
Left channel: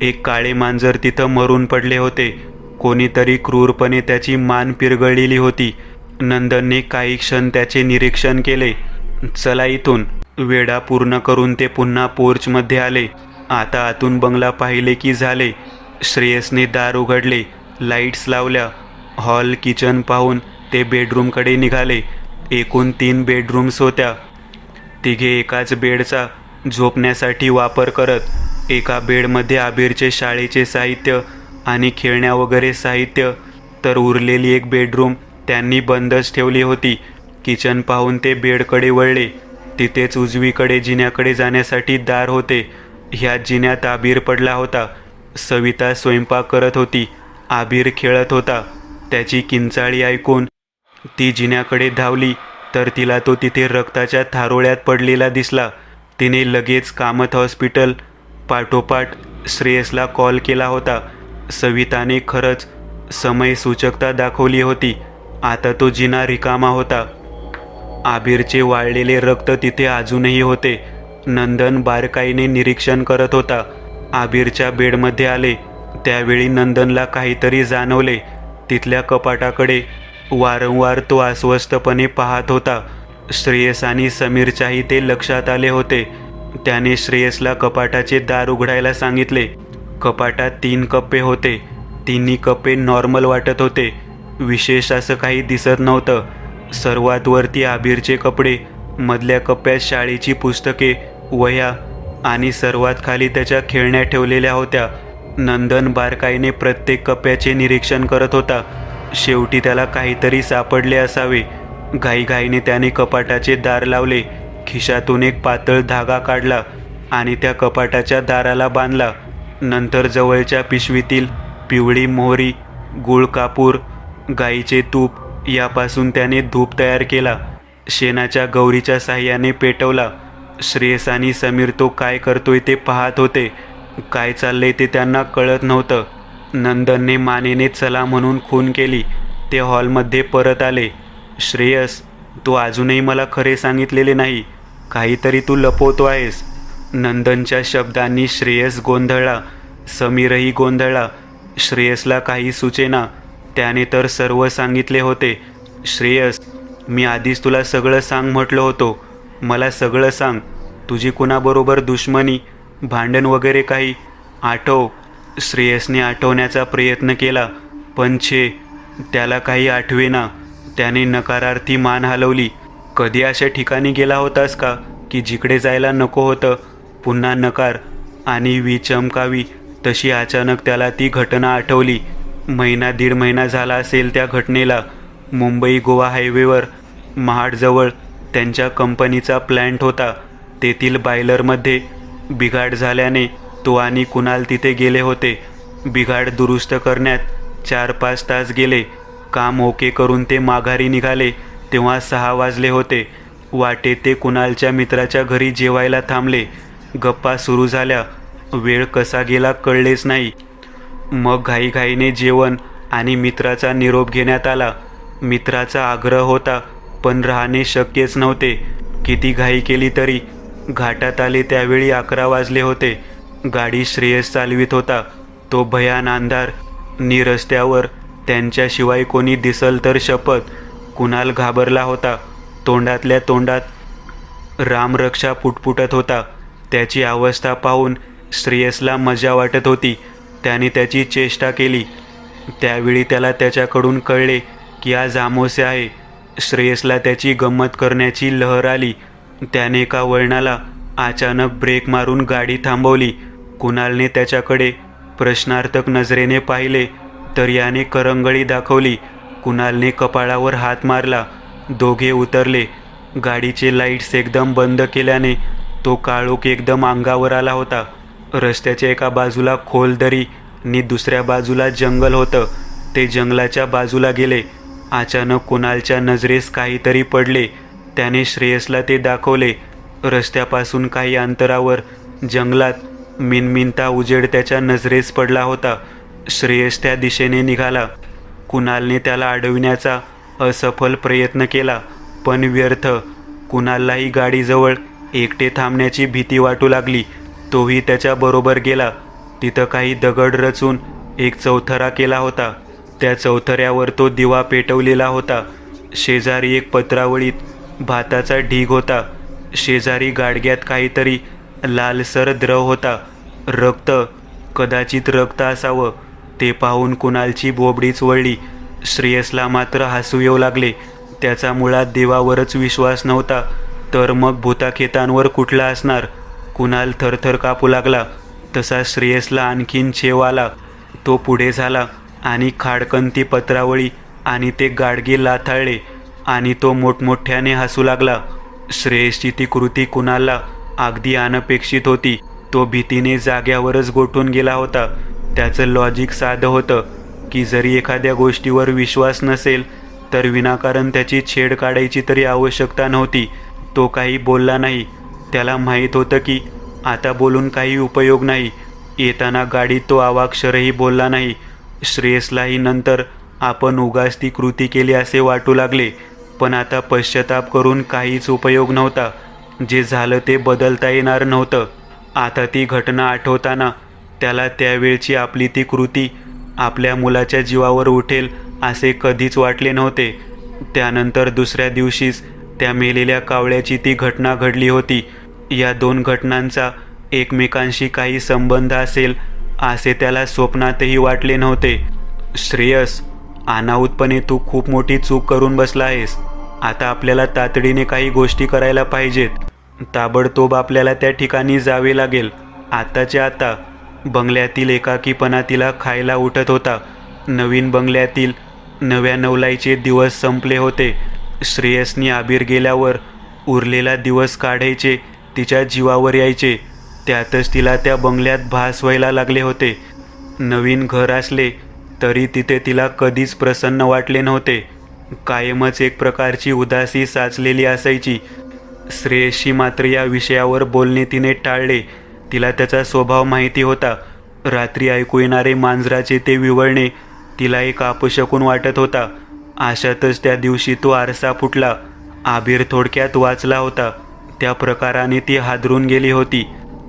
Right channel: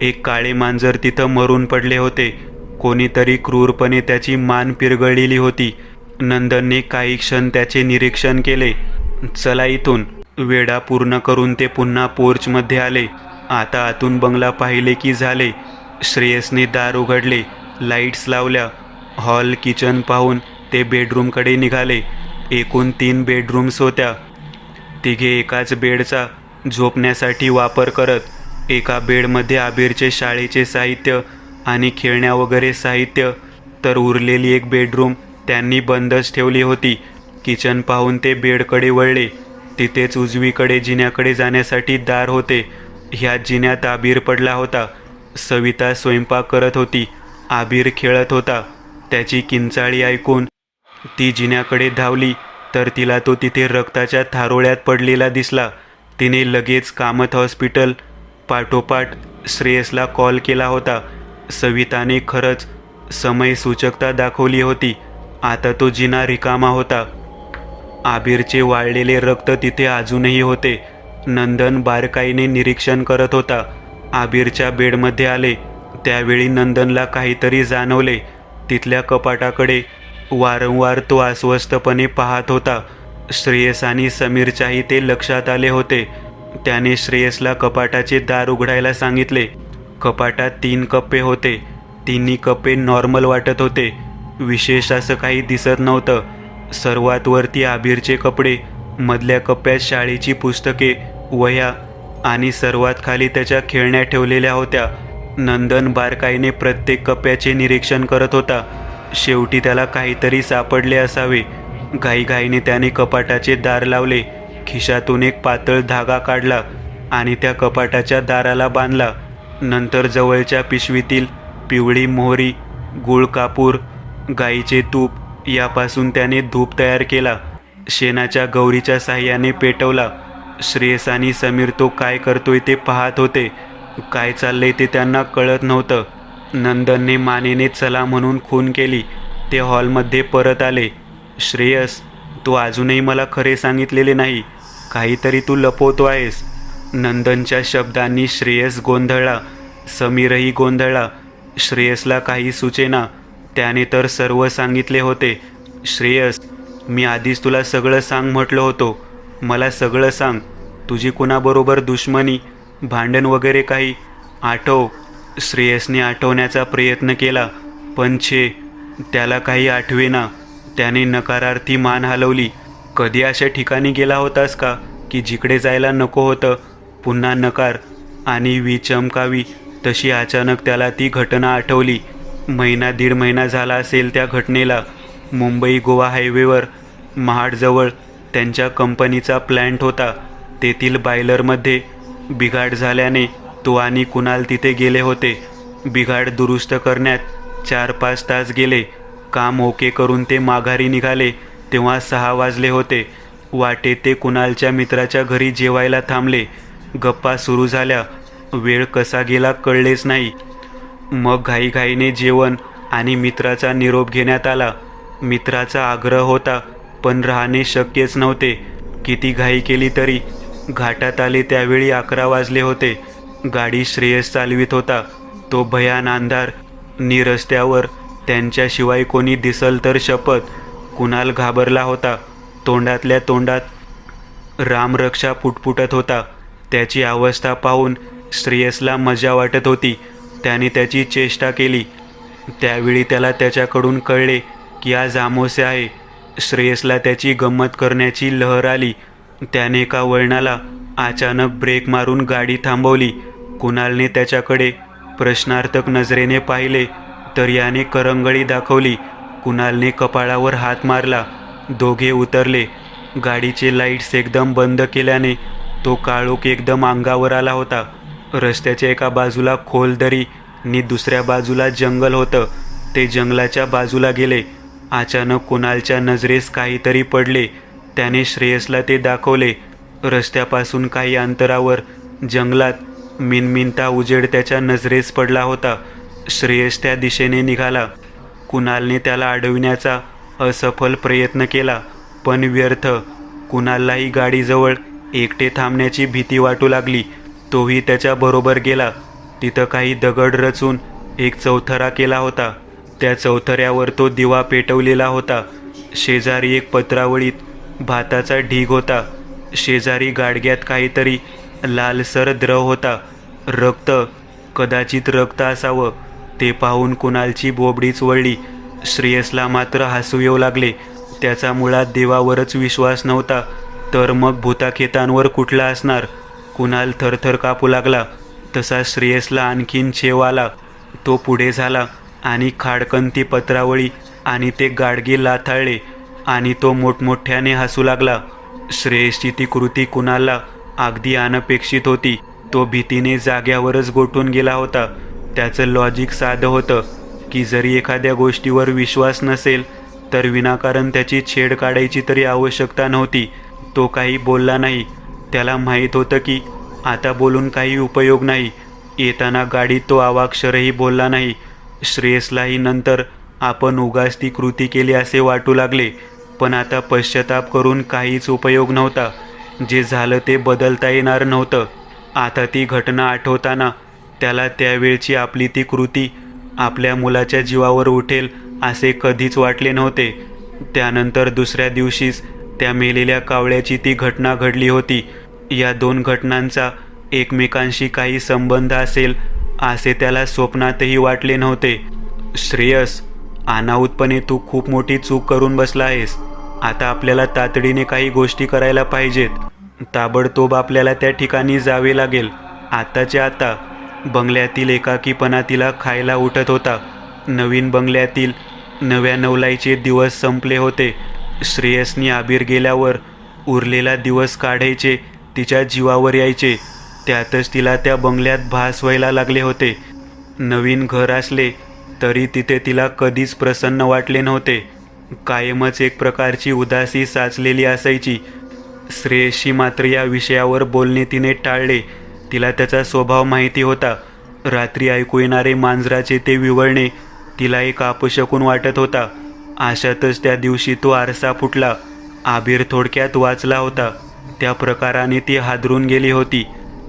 एक काळे मांजर तिथं मरून पडले होते. कोणीतरी क्रूरपणे त्याची मान पिरगळलेली होती. नंदनने काही क्षण त्याचे निरीक्षण केले. चला इथून. वेढा पूर्ण करून ते पुन्हा पोर्चमध्ये आले. आता आतून बंगला पाहिले की झाले. श्रेयसने दार उघडले, लाईट्स लावल्या. हॉल, किचन पाहून ते बेडरूमकडे निघाले. एकूण 3 बेडरूम्स होत्या. तिघे एकाच बेडचा झोपण्यासाठी वापर करत. एका बेडमध्ये आबिरचे शाळेचे साहित्य आणि खेळण्या वगैरे साहित्य, तर उरलेली एक बेडरूम त्यांनी बंदच ठेवली होती. किचन पाहून ते बेडकडे वळले. तिथेच उजवीकडे जिन्याकडे जाण्यासाठी दार होते. ह्याच जिन्यात आबिर पडला होता. सविता स्वयंपाक करत होती. आबिर खेळत होता. त्याची किंचाळी ऐकून ती जिन्याकडे धावली, तर तिला तो तिथे रक्ताच्या थारोळ्यात पडलेला दिसला. तिने लगेच कामत हॉस्पिटल पाठोपाठ श्रेयसला कॉल केला होता. सविताने खरंच समयसूचकता दाखवली होती. आता तो जिना रिकामा होता. आबिरचे वाळलेले रक्त तिथे अजूनही होते. नंदन बारकाईने निरीक्षण करत होता. आबिरच्या बेडमध्ये आले त्यावेळी नंदनला काहीतरी जाणवले. तिथल्या कपाटाकडे वारंवार तो अस्वस्थपणे पाहत होता. श्रेयस आणि समीरच्याही ते लक्षात आले होते. त्याने श्रेयसला कपाटाचे दार उघडायला सांगितले. कपाटात 3 कप्पे होते. तिन्ही कप्पे नॉर्मल वाटत होते. विशेष असं काही दिसत नव्हतं. सर्वात वरती आबिरचे कपडे, मधल्या कप्प्यात शाळेची पुस्तके, वह्या आणि सर्वात खाली त्याच्या खेळण्या ठेवलेल्या होत्या. नंदन बारकाईने प्रत्येक कप्प्याचे निरीक्षण करत होता. शेवटी त्याला काहीतरी सापडले असावे. घाईघाईने त्याने कपाटाचे दार लावले. खिशातून एक पातळ धागा काढला आणि त्या कपाटाच्या दाराला बांधला. नंतर जवळच्या पिशवीतील पिवळी मोहरी, गुळ कापूर, गाईचे तूप यापासून त्याने धूप तयार केला. शेणाच्या गौरीच्या साह्याने पेटवला. श्रेयस आणि समीर तो काय करतोय ते पाहत होते. काय चाललंय ते त्यांना कळत नव्हतं. नंदनने मानेने चला म्हणून खून केली. ते हॉलमध्ये परत आले. श्रेयस, तू अजूनही मला खरे सांगितलेले नाही. काहीतरी तू लपवतो आहेस. नंदनच्या शब्दांनी श्रेयस गोंधळला. समीरही गोंधळला. श्रेयसला काही सुचेना. त्याने तर सर्व सांगितले होते. श्रेयस, मी आधीच तुला सगळं सांग म्हटलं होतो. मला सगळं सांग. तुझी कुणाबरोबर दुश्मनी, भांडण वगैरे काही आठव. श्रेयसने आठवण्याचा प्रयत्न केला, पण त्याला काही आठवेना. त्याने नकारार्थी मान हलवली. कधी अशा ठिकाणी गेला होतास का की जिकडे जायला नको होतं? पुन्हा नकार आणि विचमकावी तशी अचानक त्याला ती घटना आठवली. 1.5 महिना झाला असेल त्या घटनेला. मुंबई गोवा हायवेवर महाडजवळ त्यांच्या कंपनीचा प्लॅन्ट होता. तेथील बॉयलरमध्ये बिघाड झाल्याने तो आणि कुणाल तिथे गेले होते. बिघाड दुरुस्त करण्यात 4-5 तास गेले. काम ओके करून ते माघारी निघाले तेव्हा 6 वाजले होते. वाटेत ते कुणालच्या मित्राच्या घरी जेवायला थांबले. गप्पा सुरू झाल्या. वेळ कसा गेला कळलेच नाही. मग घाईघाईने जेवण आणि मित्राचा निरोप घेण्यात आला. मित्राचा आग्रह होता पण राहणे शक्यच नव्हते. किती घाई केली तरी घाटात आले त्यावेळी 11 वाजले होते. गाडी श्रेयस चालवित होता. तो भयान अंधार नि रस्त्यावर त्यांच्याशिवाय कोणी दिसल तर शपथ. कुणाल घाबरला होता. तोंडातल्या तोंडात रामरक्षा पुटपुटत होता. त्याची अवस्था पाहून श्रेयसला मजा वाटत होती. त्याने त्याची चेष्टा केली. त्यावेळी त्याला त्याच्याकडून कळले की आज अमावास्या आहे. श्रेयसला त्याची गंमत करण्याची लहर आली. त्याने एका वळणाला अचानक ब्रेक मारून गाडी थांबवली. कुणालने त्याच्याकडे प्रश्नार्थक नजरेने पाहिले तर याने करंगळी दाखवली. कुणालने कपाळावर हात मारला. दोघे उतरले. गाडीचे लाईट्स एकदम बंद केल्याने तो काळोख एकदम अंगावर आला होता. रस्त्याच्या एका बाजूला खोल दरी नि दुसऱ्या बाजूला जंगल होतं. ते जंगलाच्या बाजूला गेले. अचानक कुणालच्या नजरेस काहीतरी पडले. त्याने श्रेयसला ते दाखवले. रस्त्यापासून काही अंतरावर जंगलात मिनमिनता उजेड त्याच्या नजरेस पडला होता. श्रेयस त्या दिशेने निघाला. कुणालने त्याला अडविण्याचा असफल प्रयत्न केला पण व्यर्थ. कुणाललाही गाडीजवळ एकटे थांबण्याची भीती वाटू लागली. तोही त्याच्या बरोबर गेला. तिथं काही दगड रचून एक चौथरा केला होता. त्या चौथऱ्यावर तो दिवा पेटवलेला होता. शेजारी एक पत्रावळीत भाताचा ढीग होता. शेजारी गाडग्यात काहीतरी लालसर द्रव होता. रक्त, कदाचित रक्त असावं. ते पाहून कुणालची बोबडीच वळली. श्रेयसला मात्र हसू येऊ लागले. त्याचा मुळात देवावरच विश्वास नव्हता तर मग भूताखेतांवर कुठला असणार. कुणाल थरथर कापू लागला. तसा श्रेयसला आणखीन छेव आला. तो पुढे झाला आणि खाडकन ती पत्रावळी आणि ते गाडगे लाथाळले आणि तो मोठमोठ्याने हसू लागला. श्रेयसची ती कृती कुणालला अगदी अनपेक्षित होती. तो भीतीने जाग्यावरच गोठून गेला होता. त्याचं लॉजिक साधं होतं की जरी एखाद्या गोष्टीवर विश्वास नसेल तर विनाकारण त्याची छेड काढायची तरी आवश्यकता नव्हती. तो काही बोलला नाही. त्याला माहीत होतं की आता बोलून काही उपयोग नाही. येताना गाडीत तो अवाक्षरही बोलला नाही. श्रेयसलाही नंतर आपण उगाच ती कृती केली असे वाटू लागले. पण आता पश्चाताप करून काहीच उपयोग नव्हता. जे झालं ते बदलता येणार नव्हतं. आता ती घटना आठवताना त्याला त्यावेळची आपली ती कृती आपल्या मुलाच्या जीवावर उठेल असे कधीच वाटले नव्हते. त्यानंतर दुसऱ्या दिवशीच त्या मेलेल्या कावळ्याची ती घटना घडली होती. या 2 घटनांचा एकमेकांशी काही संबंध असेल असे त्याला स्वप्नातही वाटले नव्हते. श्रेयस, अनाहूतपणे तू खूप मोठी चूक करून बसला आहेस. आता आपल्याला तातडीने काही गोष्टी करायला पाहिजेत. ताबडतोब आपल्याला त्या ठिकाणी जावे लागेल. आत्ताच्या आता. बंगल्यातील एकाकीपणा तिला खायला उठत होता. नवीन बंगल्यातील नव्या नवलाईचे दिवस संपले होते. श्रेयसनी आबीर गेल्यावर उरलेला दिवस काढायचे तिच्या जीवावर यायचे. त्यातच तिला त्या बंगल्यात भास व्हायला लागले होते. नवीन घर असले तरी तिथे तिला कधीच प्रसन्न वाटले नव्हते. कायमच एक प्रकारची उदासी साचलेली असायची. श्रेयसशी मात्र या विषयावर बोलणे तिने टाळले. तिला त्याचा स्वभाव माहिती होता. रात्री ऐकू येणारे मांजराचे ते विवळणे तिला एक अपशकुन वाटत होता. अशातच त्या दिवशी तो आरसा फुटला. आबीर थोडक्यात वाचला होता. त्या प्रकाराने ती हादरून गेली होती.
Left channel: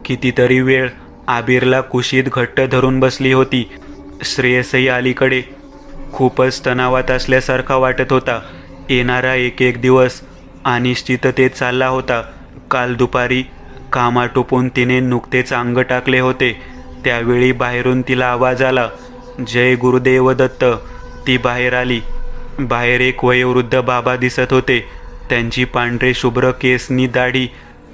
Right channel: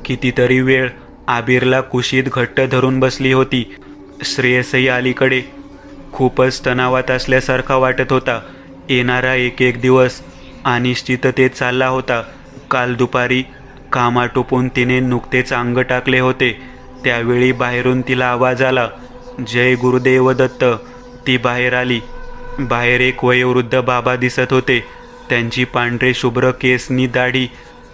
कितीतरी वेळ आबीरला कुशीत घट्ट धरून बसली होती. श्रेयसही अलीकडे खूपच तणावात असल्यासारखा वाटत होता. येणारा एक दिवस अनिश्चिततेत चालला होता. काल दुपारी काम आटोपून तिने नुकतेच अंग टाकले होते. त्यावेळी बाहेरून तिला आवाज आला, जय गुरुदेव दत्त. ती बाहेर आली. बाहेर एक वयोवृद्ध बाबा दिसत होते. त्यांची पांढरे शुभ्र केस नि दाढी,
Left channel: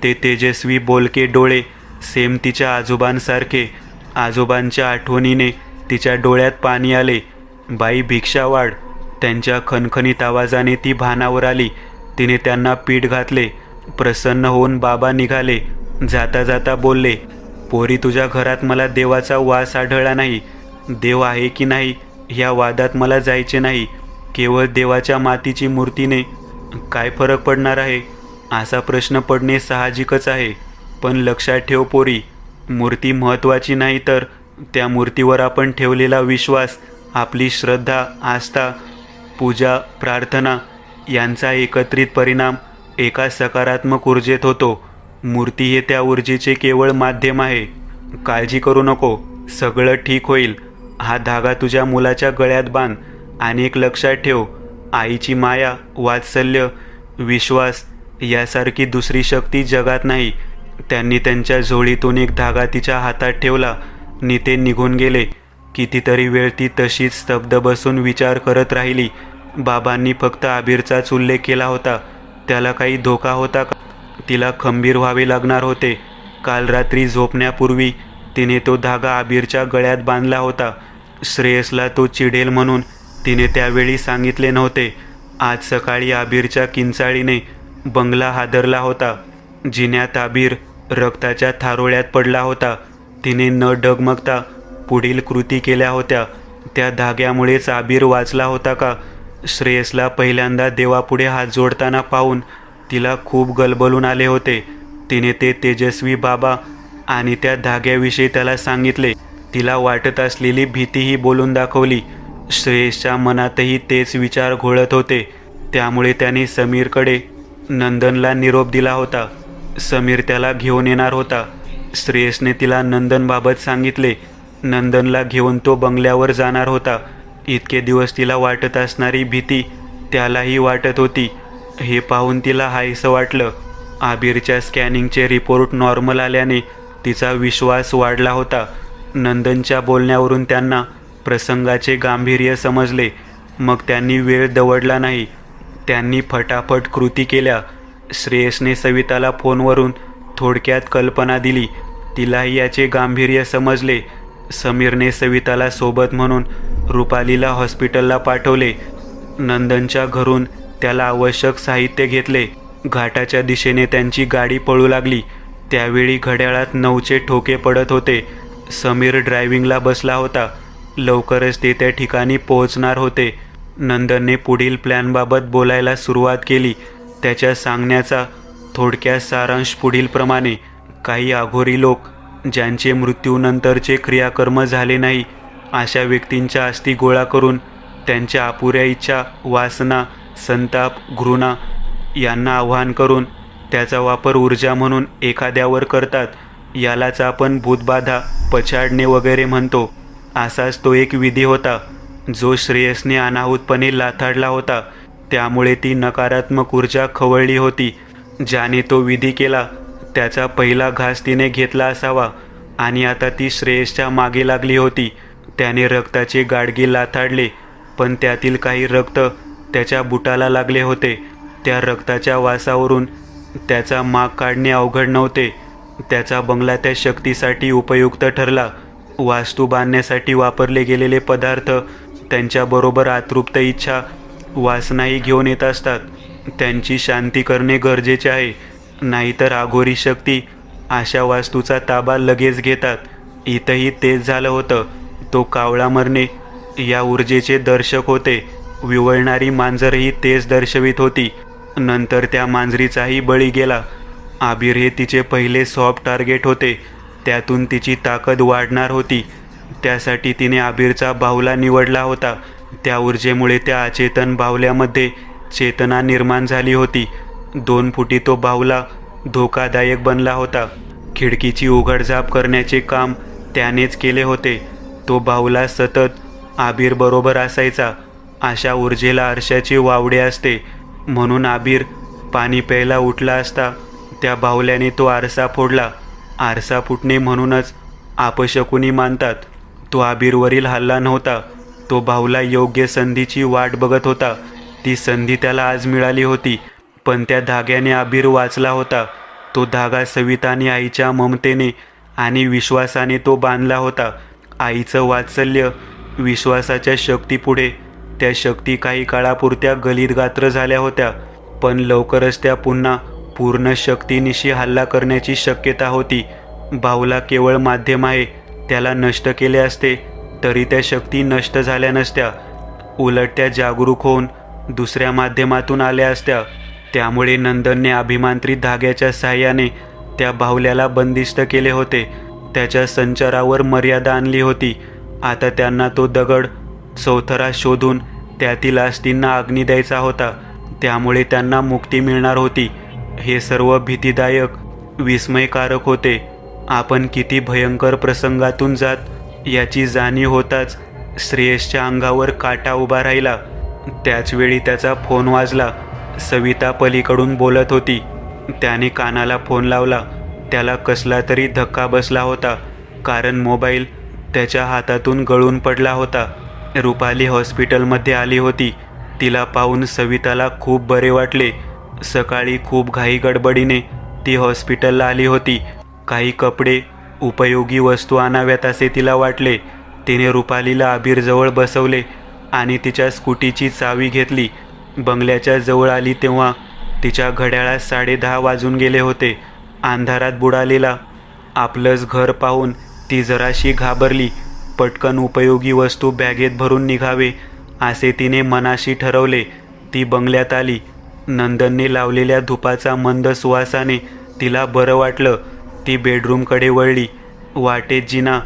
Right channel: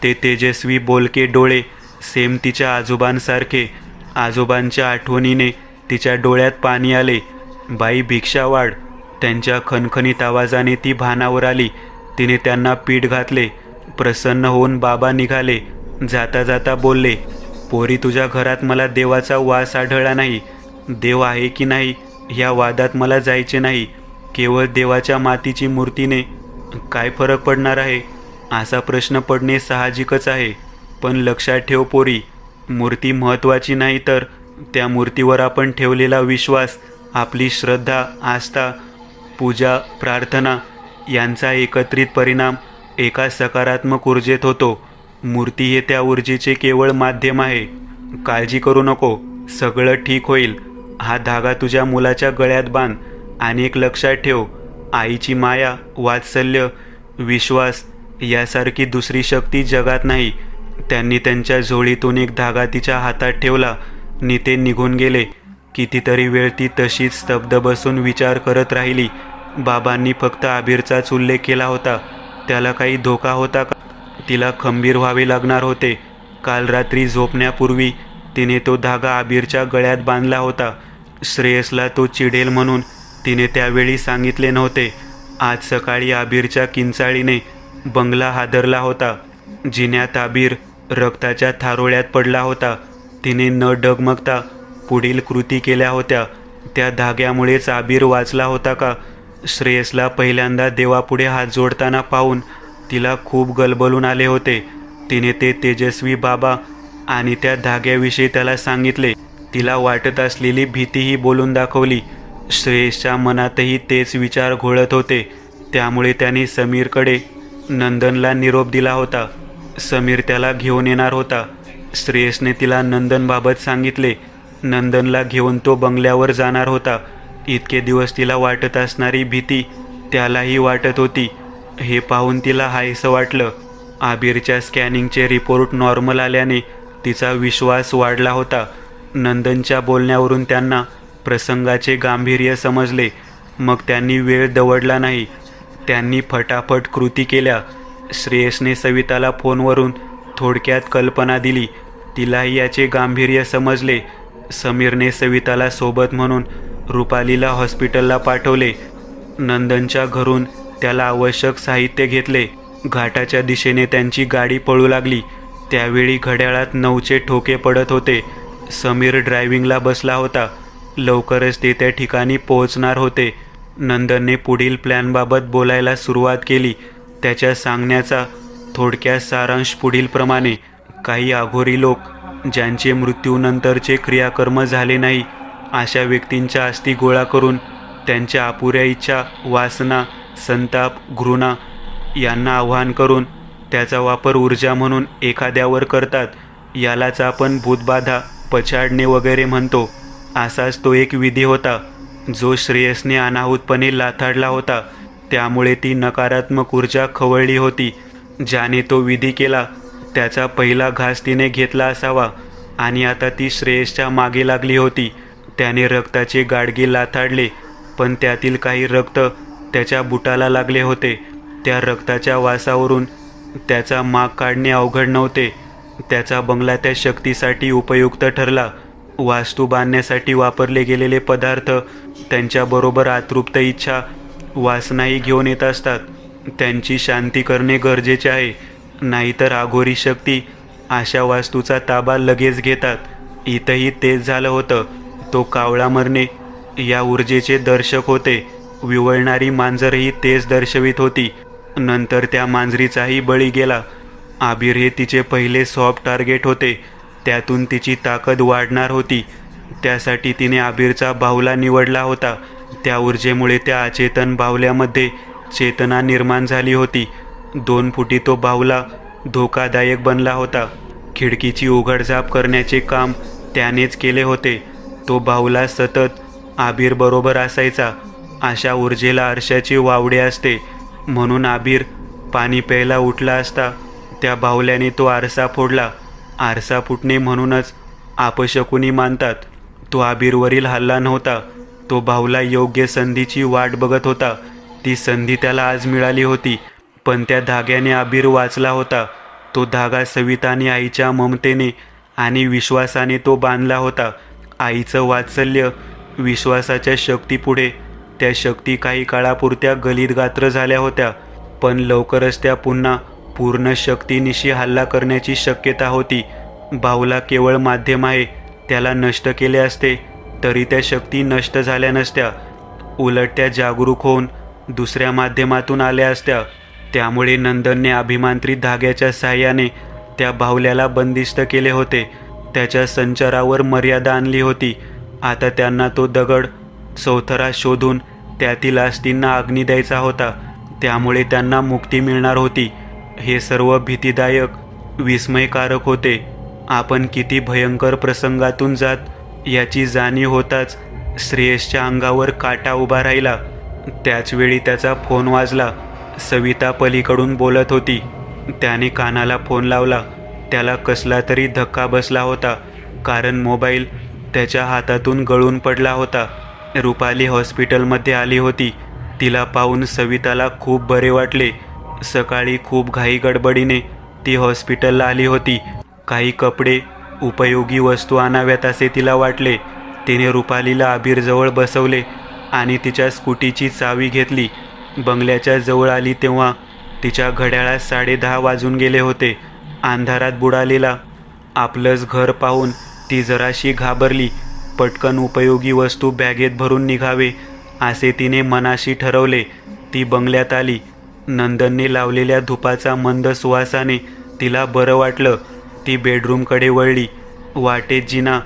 ते तेजस्वी बोलके डोळे सेम तिच्या आजोबांसारखे. आजोबांच्या आठवणीने तिच्या डोळ्यात पाणी आले. बाई भिक्षा वाढ. त्यांच्या खणखणीत आवाजाने ती भानावर आली. तिने त्यांना पीठ घातले प्रसन्न होऊन बाबा निघाले. जाता जाता बोलले, पोरी, तुझ्या घरात मला देवाचा वास आढळला नाही. देव आहे की नाही या वादात मला जायचे नाही. केवळ देवाच्या मातीची मूर्तीने काय फरक पडणार आहे असा प्रश्न पडणे साहजिकच आहे. पण लक्षात ठेव पोरी, मूर्ती महत्त्वाची नाही, तर त्या मूर्तीवर आपण ठेवलेला विश्वास, आपली श्रद्धा, आस्था, पूजा, प्रार्थना यांचा एकत्रित परिणाम एका सकारात्मक ऊर्जेत होतो. मूर्ती हे त्या ऊर्जेचे केवळ माध्यम आहे. काळजी करू नको, सगळं ठीक होईल. हा धागा तुझ्या मुलाच्या गळ्यात बांध आणि एक लक्षात ठेव, आईची माया, वात्सल्य, विश्वास यासारखी दुसरी शक्ती जगात नाही. त्यांनी त्यांच्या झोळीतून एक धागा तिच्या हातात ठेवला नि ते निघून गेले. कितीतरी वेळ ती तशीच स्तब्ध बसून विचार करत राहिली. बाबांनी फक्त आबिरचाच उल्लेख केला होता. त्याला काही धोका होता का? तिला खंबीर व्हावे लागणार होते. काल रात्री झोपण्यापूर्वी तिने तो धागा आबिरच्या गळ्यात बांधला होता. श्रेयसला तो चिडेल म्हणून तिने त्यावेळी सांगितले नव्हते. आज सकाळी आबिरच्या किंचाळीने बंगला हादरला होता. जिन्यात आबिर रक्ताच्या थारोळ्यात पडला होता. तिने न डगमगता पुढील कृती केल्या होत्या. त्या धाग्यामुळेच आबिर वाचला होता का? श्रेयसला पहिल्यांदा देवापुढे हात जोडताना पाहून तिला खूप गलबलून आले होते. तिने ते तेजस्वी बाबा आणि त्या धाग्याविषयी त्याला सांगितले. तिला वाटत असलेली भीतीही बोलून दाखवली. श्रेयसच्या मनातही तेच विचार घोळत होते. त्यामुळे त्याने समीरकडे नंदनला निरोप दिला होता. समीर त्याला घेऊन येणार होता. श्रेयसने तिला नंदनबाबत सांगितले. नंदनला घेऊन तो बंगल्यावर जाणार होता. इतके दिवस तिला वाटत असणारी भीती त्यालाही वाटत होती. हे पाहून तिला हायसं वाटलं. आबिरच्या स्कॅनिंगचे रिपोर्ट नॉर्मल आल्याने तिचा विश्वास वाढला होता. नंदनच्या बोलण्यावरून त्यांना प्रसंगाचे गांभीर्य समजले. मग त्यांनी वेळ दवडला नाही. त्यांनी फटाफट कृती केल्या. श्रेयसने सविताला फोनवरून थोडक्यात कल्पना दिली. तिलाही याचे गांभीर्य समजले. समीरने सविताला सोबत म्हणून रुपालीला हॉस्पिटलला पाठवले. नंदनच्या घरून त्याला आवश्यक साहित्य घेतले. घाटाच्या दिशेने त्यांची गाडी पळू लागली. त्यावेळी घड्याळात 9चे ठोके पडत होते. समीर ड्रायव्हिंगला बसला होता. लवकरच ते त्या ठिकाणी पोहोचणार होते. नंदनने पुढील प्लॅनबाबत बोलायला सुरुवात केली. त्याच्या सांगण्याचा थोडक्यात सारांश पुढीलप्रमाणे. काही आघोरी लोक, ज्यांचे मृत्यूनंतरचे क्रियाकर्म झाले नाही, अशा व्यक्तींच्या अस्थी गोळा करून त्यांच्या अपुऱ्या इच्छा, वासना, संताप, घृणा यांना आव्हान करून त्याचा वापर ऊर्जा म्हणून एखाद्यावर करतात. यालाच आपण भूतबाधा, पछाडणे वगैरे म्हणतो. असाच तो एक विधी होता जो श्रेयसने अनाहूतपणे लाथाडला होता. त्यामुळे ती नकारात्मक ऊर्जा खवळली होती. ज्याने तो विधी केला त्याचा पहिला घास तिने घेतला असावा आणि आता ती श्रेयसच्या मागे लागली होती. त्याने रक्ताचे गाडगे लाथाडले, पण त्यातील काही रक्त त्याच्या बुटाला लागले होते. त्या रक्ताच्या वासावरून त्याचा माग काढणे अवघड नव्हते. त्याचा बंगला त्या शक्तीसाठी उपयुक्त ठरला. वास्तू बांधण्यासाठी वापरले गेलेले पदार्थ त्यांच्याबरोबर अतृप्त इच्छा, वासनाही घेऊन येत असतात. त्यांची शांती करणे गरजेचे आहे, नाहीतर आघोरी शक्ती अशा वास्तूचा ताबा लगेच घेतात. इथंही तेच झालं होतं. तो कावळा मरणे या ऊर्जेचे दर्शक होते. विवळणारी मांजरही तेच दर्शवित होती. नंतर त्या मांजरीचाही बळी गेला. आबिर हे तिचे पहिले सॉफ्ट टार्गेट होते. त्यातून तिची ताकद वाढणार होती. त्यासाठी तिने आबिरचा बाहुला निवडला होता. त्या ऊर्जेमुळे त्या अचेतन बाहुल्यामध्ये चेतना निर्माण झाली होती. 2 फुटी तो बाहुला धोकादायक बनला होता. खिडकीची उघडझाप करण्याचे काम त्यानेच केले होते. तो बाहुला सतत आबिर बरोबर असायचा. अशा ऊर्जेला आरशाचे वावडे असते. म्हणून आबिर पाणी प्यायला उठला असता त्या बाहुल्याने तो आरसा फोडला. आरसा फुटणे म्हणूनच अपशकुनी मानतात. तो आबिरवरील हल्ला नव्हता. तो बाहुला योग्य संधीची वाट बघत होता. ती संधी त्याला आज मिळाली होती. पण त्या धाग्याने आबिर वाचला होता. तो धागा सविताने आईच्या ममतेने आणि विश्वासाने तो बांधला होता. आईचं वात्सल्य, विश्वासाच्या शक्तीपुढे त्या शक्ती काही काळापुरत्या गलित गात्र झाल्या होत्या, पण लवकरच त्या पुन्हा पूर्ण शक्तीनिशी हल्ला करण्याची शक्यता होती. भाऊला केवळ माध्यम आहे, त्याला नष्ट केले असते तरी त्या शक्ती नष्ट झाल्या नसत्या. उलट त्या जागरूक होऊन दुसऱ्या माध्यमातून आल्या असत्या. त्यामुळे नंदनने अभिमांत्रित धाग्याच्या साह्याने त्या बाहुल्याला बंदिस्त केले होते. त्याच्या संचारावर मर्यादा आणली होती. आता त्यांना तो दगड चौथरा शोधून त्यातील अस्थिंना अग्नी द्यायचा होता. त्यामुळे त्यांना मुक्ती मिळणार होती. हे सर्व भीतीदायक, विस्मयकारक होते. आपण किती भयंकर प्रसंगातून जात याची जाणीव होताच श्रेयसच्या अंगावर काटा उभा राहिला. त्याचवेळी त्याचा फोन वाजला. सविता पलीकडून बोलत होती. त्याने कानाला फोन लावला. त्याला कसला तरी धक्का बसला होता, कारण मोबाईल त्याच्या हातातून गळून पडला होता. रुपाली हॉस्पिटलमध्ये आली होती. तिला पाहून सविताला खूप बरे वाटले. सकाळी खूप घाई गडबडीने ती हॉस्पिटलला आली होती. काही कपडे, उपयोगी वस्तू आणाव्यात असे तिला वाटले. तिने रुपालीला अबीरजवळ बसवले आणि तिच्या स्कूटीची चावी घेतली. बंगल्याच्या जवळ आली तेव्हा तिच्या घड्याळात 10:30 वाजून गेले होते. अंधारात बुडालेला आपलंच घर पाहून ती जराशी घाबरली. पटकन उपयोगी वस्तू बॅगेत भरून निघावे असे तिने मनाशी ठरवले. ती बंगल्यात आली. नंदनने लावलेल्या धुपाचा मंद सुवासाने तिला बरं वाटलं. ती बेडरूमकडे वळली. वाटेत जिना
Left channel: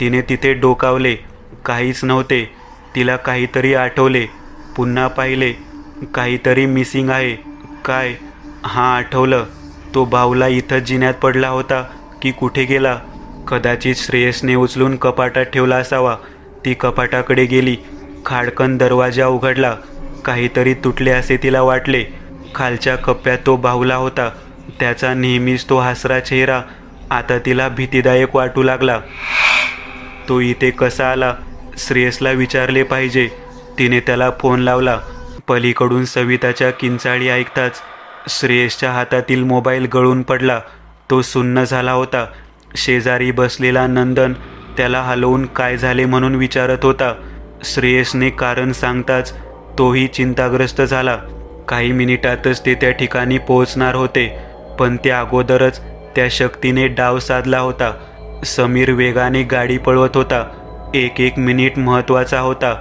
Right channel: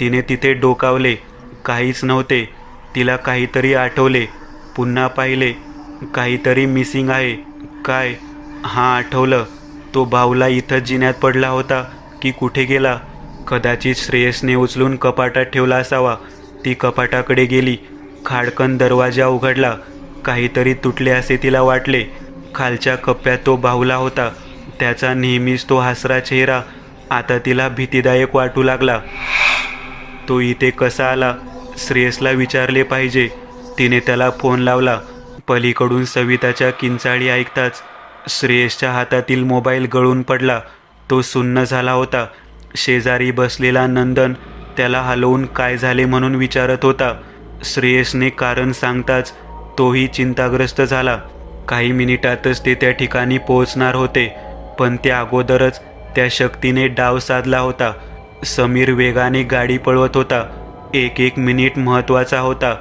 तिने तिथे डोकावले. काहीच नव्हते. तिला काहीतरी आठवले. पुन्हा पाहिले. काहीतरी मिसिंग आहे. काय? हां, आठवलं. तो बाहुला इथं जिन्यात पडला होता की कुठे गेला? कदाचित श्रेयसने उचलून कपाटात ठेवला असावा. ती कपाटाकडे गेली. खाडकन दरवाजा उघडला. काहीतरी तुटले असे तिला वाटले. खालच्या कप्प्यात तो बाहुला होता. त्याचा नेहमीच तो हसरा चेहरा आता तिला भीतीदायक वाटू लागला. तो इथे कसा आला? श्रेयसला विचारले पाहिजे. तिने त्याला फोन लावला. पलीकडून सविताच्या किंचाळी ऐकताच श्रेयसच्या हातातील मोबाईल गळून पडला. तो सुन्न झाला होता. शेजारी बसलेला नंदन त्याला हलवून काय झाले म्हणून विचारत होता. श्रेयसने कारण सांगताच तोही चिंताग्रस्त झाला. काही मिनिटातच ते त्या ठिकाणी पोहोचणार होते, पण त्या अगोदरच त्या शक्तीने डाव साधला होता. समीर वेगाने गाडी पळवत होता. एक मिनिट महत्त्वाचा होता.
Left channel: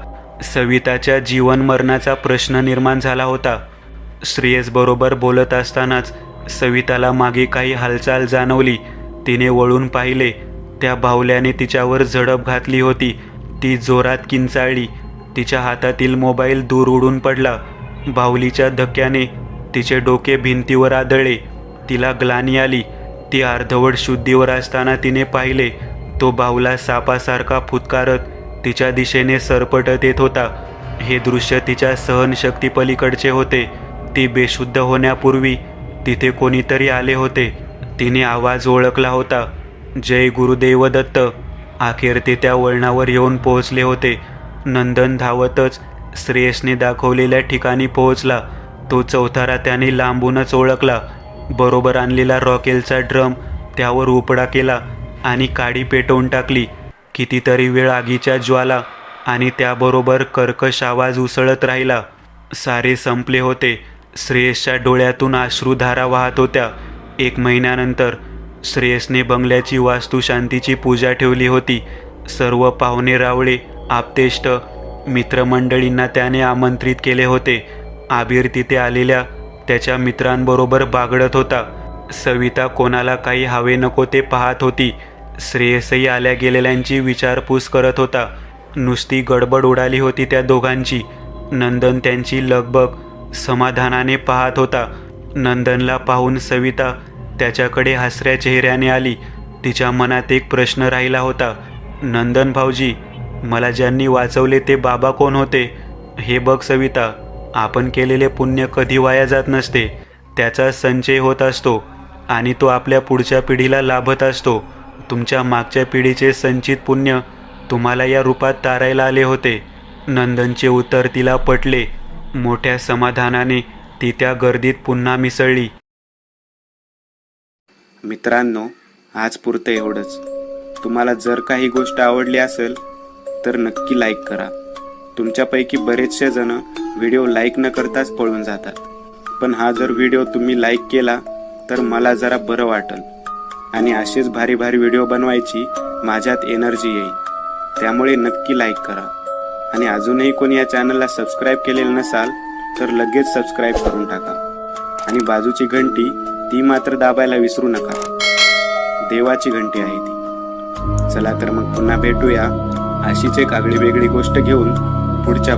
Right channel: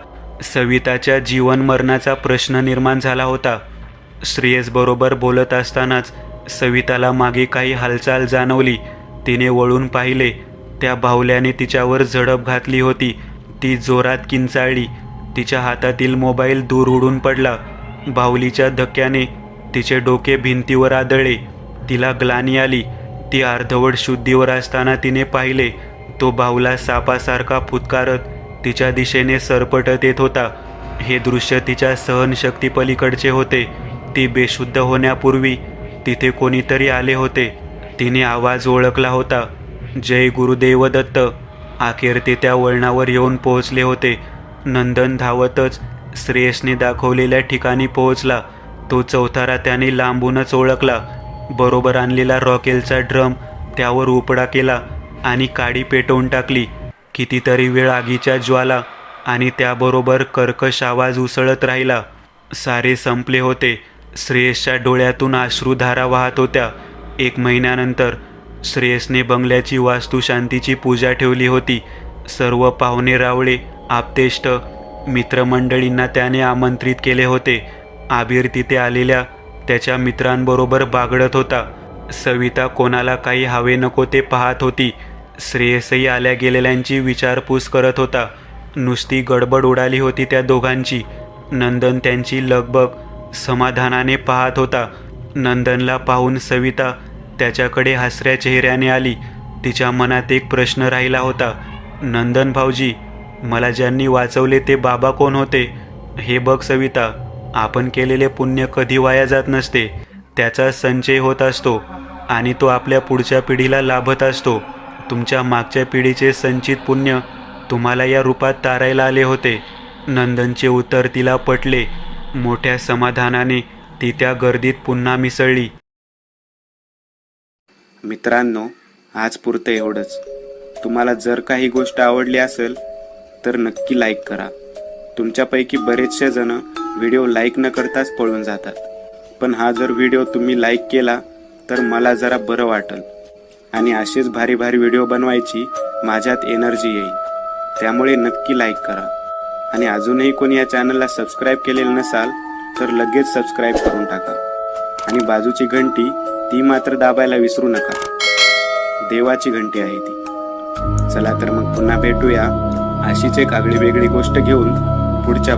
सविताच्या जीवन मरणाचा प्रश्न निर्माण झाला होता. श्रेयस बरोबर बोलत असतानाच सविताला मागे काही हालचाल जाणवली. तिने वळून पाहिले. त्या बाहुल्याने तिच्यावर झडप घातली होती. ती जोरात किंचाळली. तिच्या हातातील मोबाईल दूर उडून पडला. बाहुलीच्या धक्क्याने तिचे डोके भिंतीवर आदळले. तिला ग्लानी आली. ती अर्धवट शुद्धीवर असताना तिने पाहिले. तो बाहुला सापासारखा फुतकारत तिच्या दिशेने सरपटत येत होता. हे दृश्य तिच्या सहनशक्ती पलीकडचे होते. ती बेशुद्ध होण्यापूर्वी तिथे कोणीतरी आले होते. तिने आवाज ओळखला होता. जय गुरुदेव दत्त. अखेर ते त्या वळणावर येऊन पोहोचले होते. नंदन धावतच श्रेयसने दाखवलेल्या ठिकाणी पोहोचला. तो चौथारा त्याने लांबूनच ओळखला. बरोबर आणलेला रॉकेलचा ड्रम त्यावर उपडा केला आणि काडी पेटवून टाकली. कितीतरी वेळ आगीच्या ज्वाला आणि त्याबरोबर कर्कश आवाज उसळत राहिला. सारे संपले होते. श्रेयसच्या डोळ्यातून अश्रुधारा वाहत होत्या. 1 महिन्यानंतर श्रेयसने बंगल्याची वास्तुशांतीची पूजा ठेवली होती. सर्व पाहुणे रावळे, आप्तेष्ट, मित्रमंडळींना त्याने आमंत्रित केले होते. आबीर तिथे आलेल्या त्याच्या मित्रांबरोबर बागडत होता. सविता कोणाला काही हवे नको ते पाहत होती. श्रेयसही आल्या गेलेल्यांची विचारपूस करत होता. नुसती गडबड उडाली होती त्या दोघांची. नंदन त्यांची लगबग समाधानाने पाहत होता. नंदनला पाहून सविता त्याच्याकडे हसऱ्या चेहऱ्याने आली. तिच्या मनात एक प्रश्न राहिला होता. नंदन भाऊजी, मला ज्यांनी वाचवले ते बाबा कोण होते? हे बघ सविता, आपण केलेले पुण्य कधी वाया जात नसते. त्याचा संचय होत असतो आणि तो आपल्या पुढच्या पिढीला लाभत असतो. तुमच्या मागच्या पिढीचे संचित पुण्य तुम्हाला या रूपात तारायला आले होते. नंदनचे उत्तर तिला पटले. मोठ्या समाधानाने ती त्या गर्दीत पुन्हा मिसळली. मित्रांनो, आज पुरतं एवढंच. तुम्हाला जर काही गोष्ट आवडली असेल तर नक्की लाईक करा. तुमच्यापैकी बरेचसे जण व्हिडिओ लाईक न करताच पळून जातात, पण हा जर व्हिडिओ तुम्ही लाईक केला तर मला जरा बरं वाटेल आणि असेच भारी भारी व्हिडिओ बनवायची माझ्यात एनर्जी येईल. त्यामुळे नक्की लाईक करा आणि अजूनही कोणी या चॅनलला सबस्क्राईब केलेलं नसाल तर लगेच सबस्क्राईब करून टाका आणि बाजूची घंटी ती मात्र दाबायला विसरू नका. देवाची घंटी आहे ती. चला तर मग पुन्हा भेटूया अशीच एक आगळी वेगळी गोष्ट घेऊन पुढच्या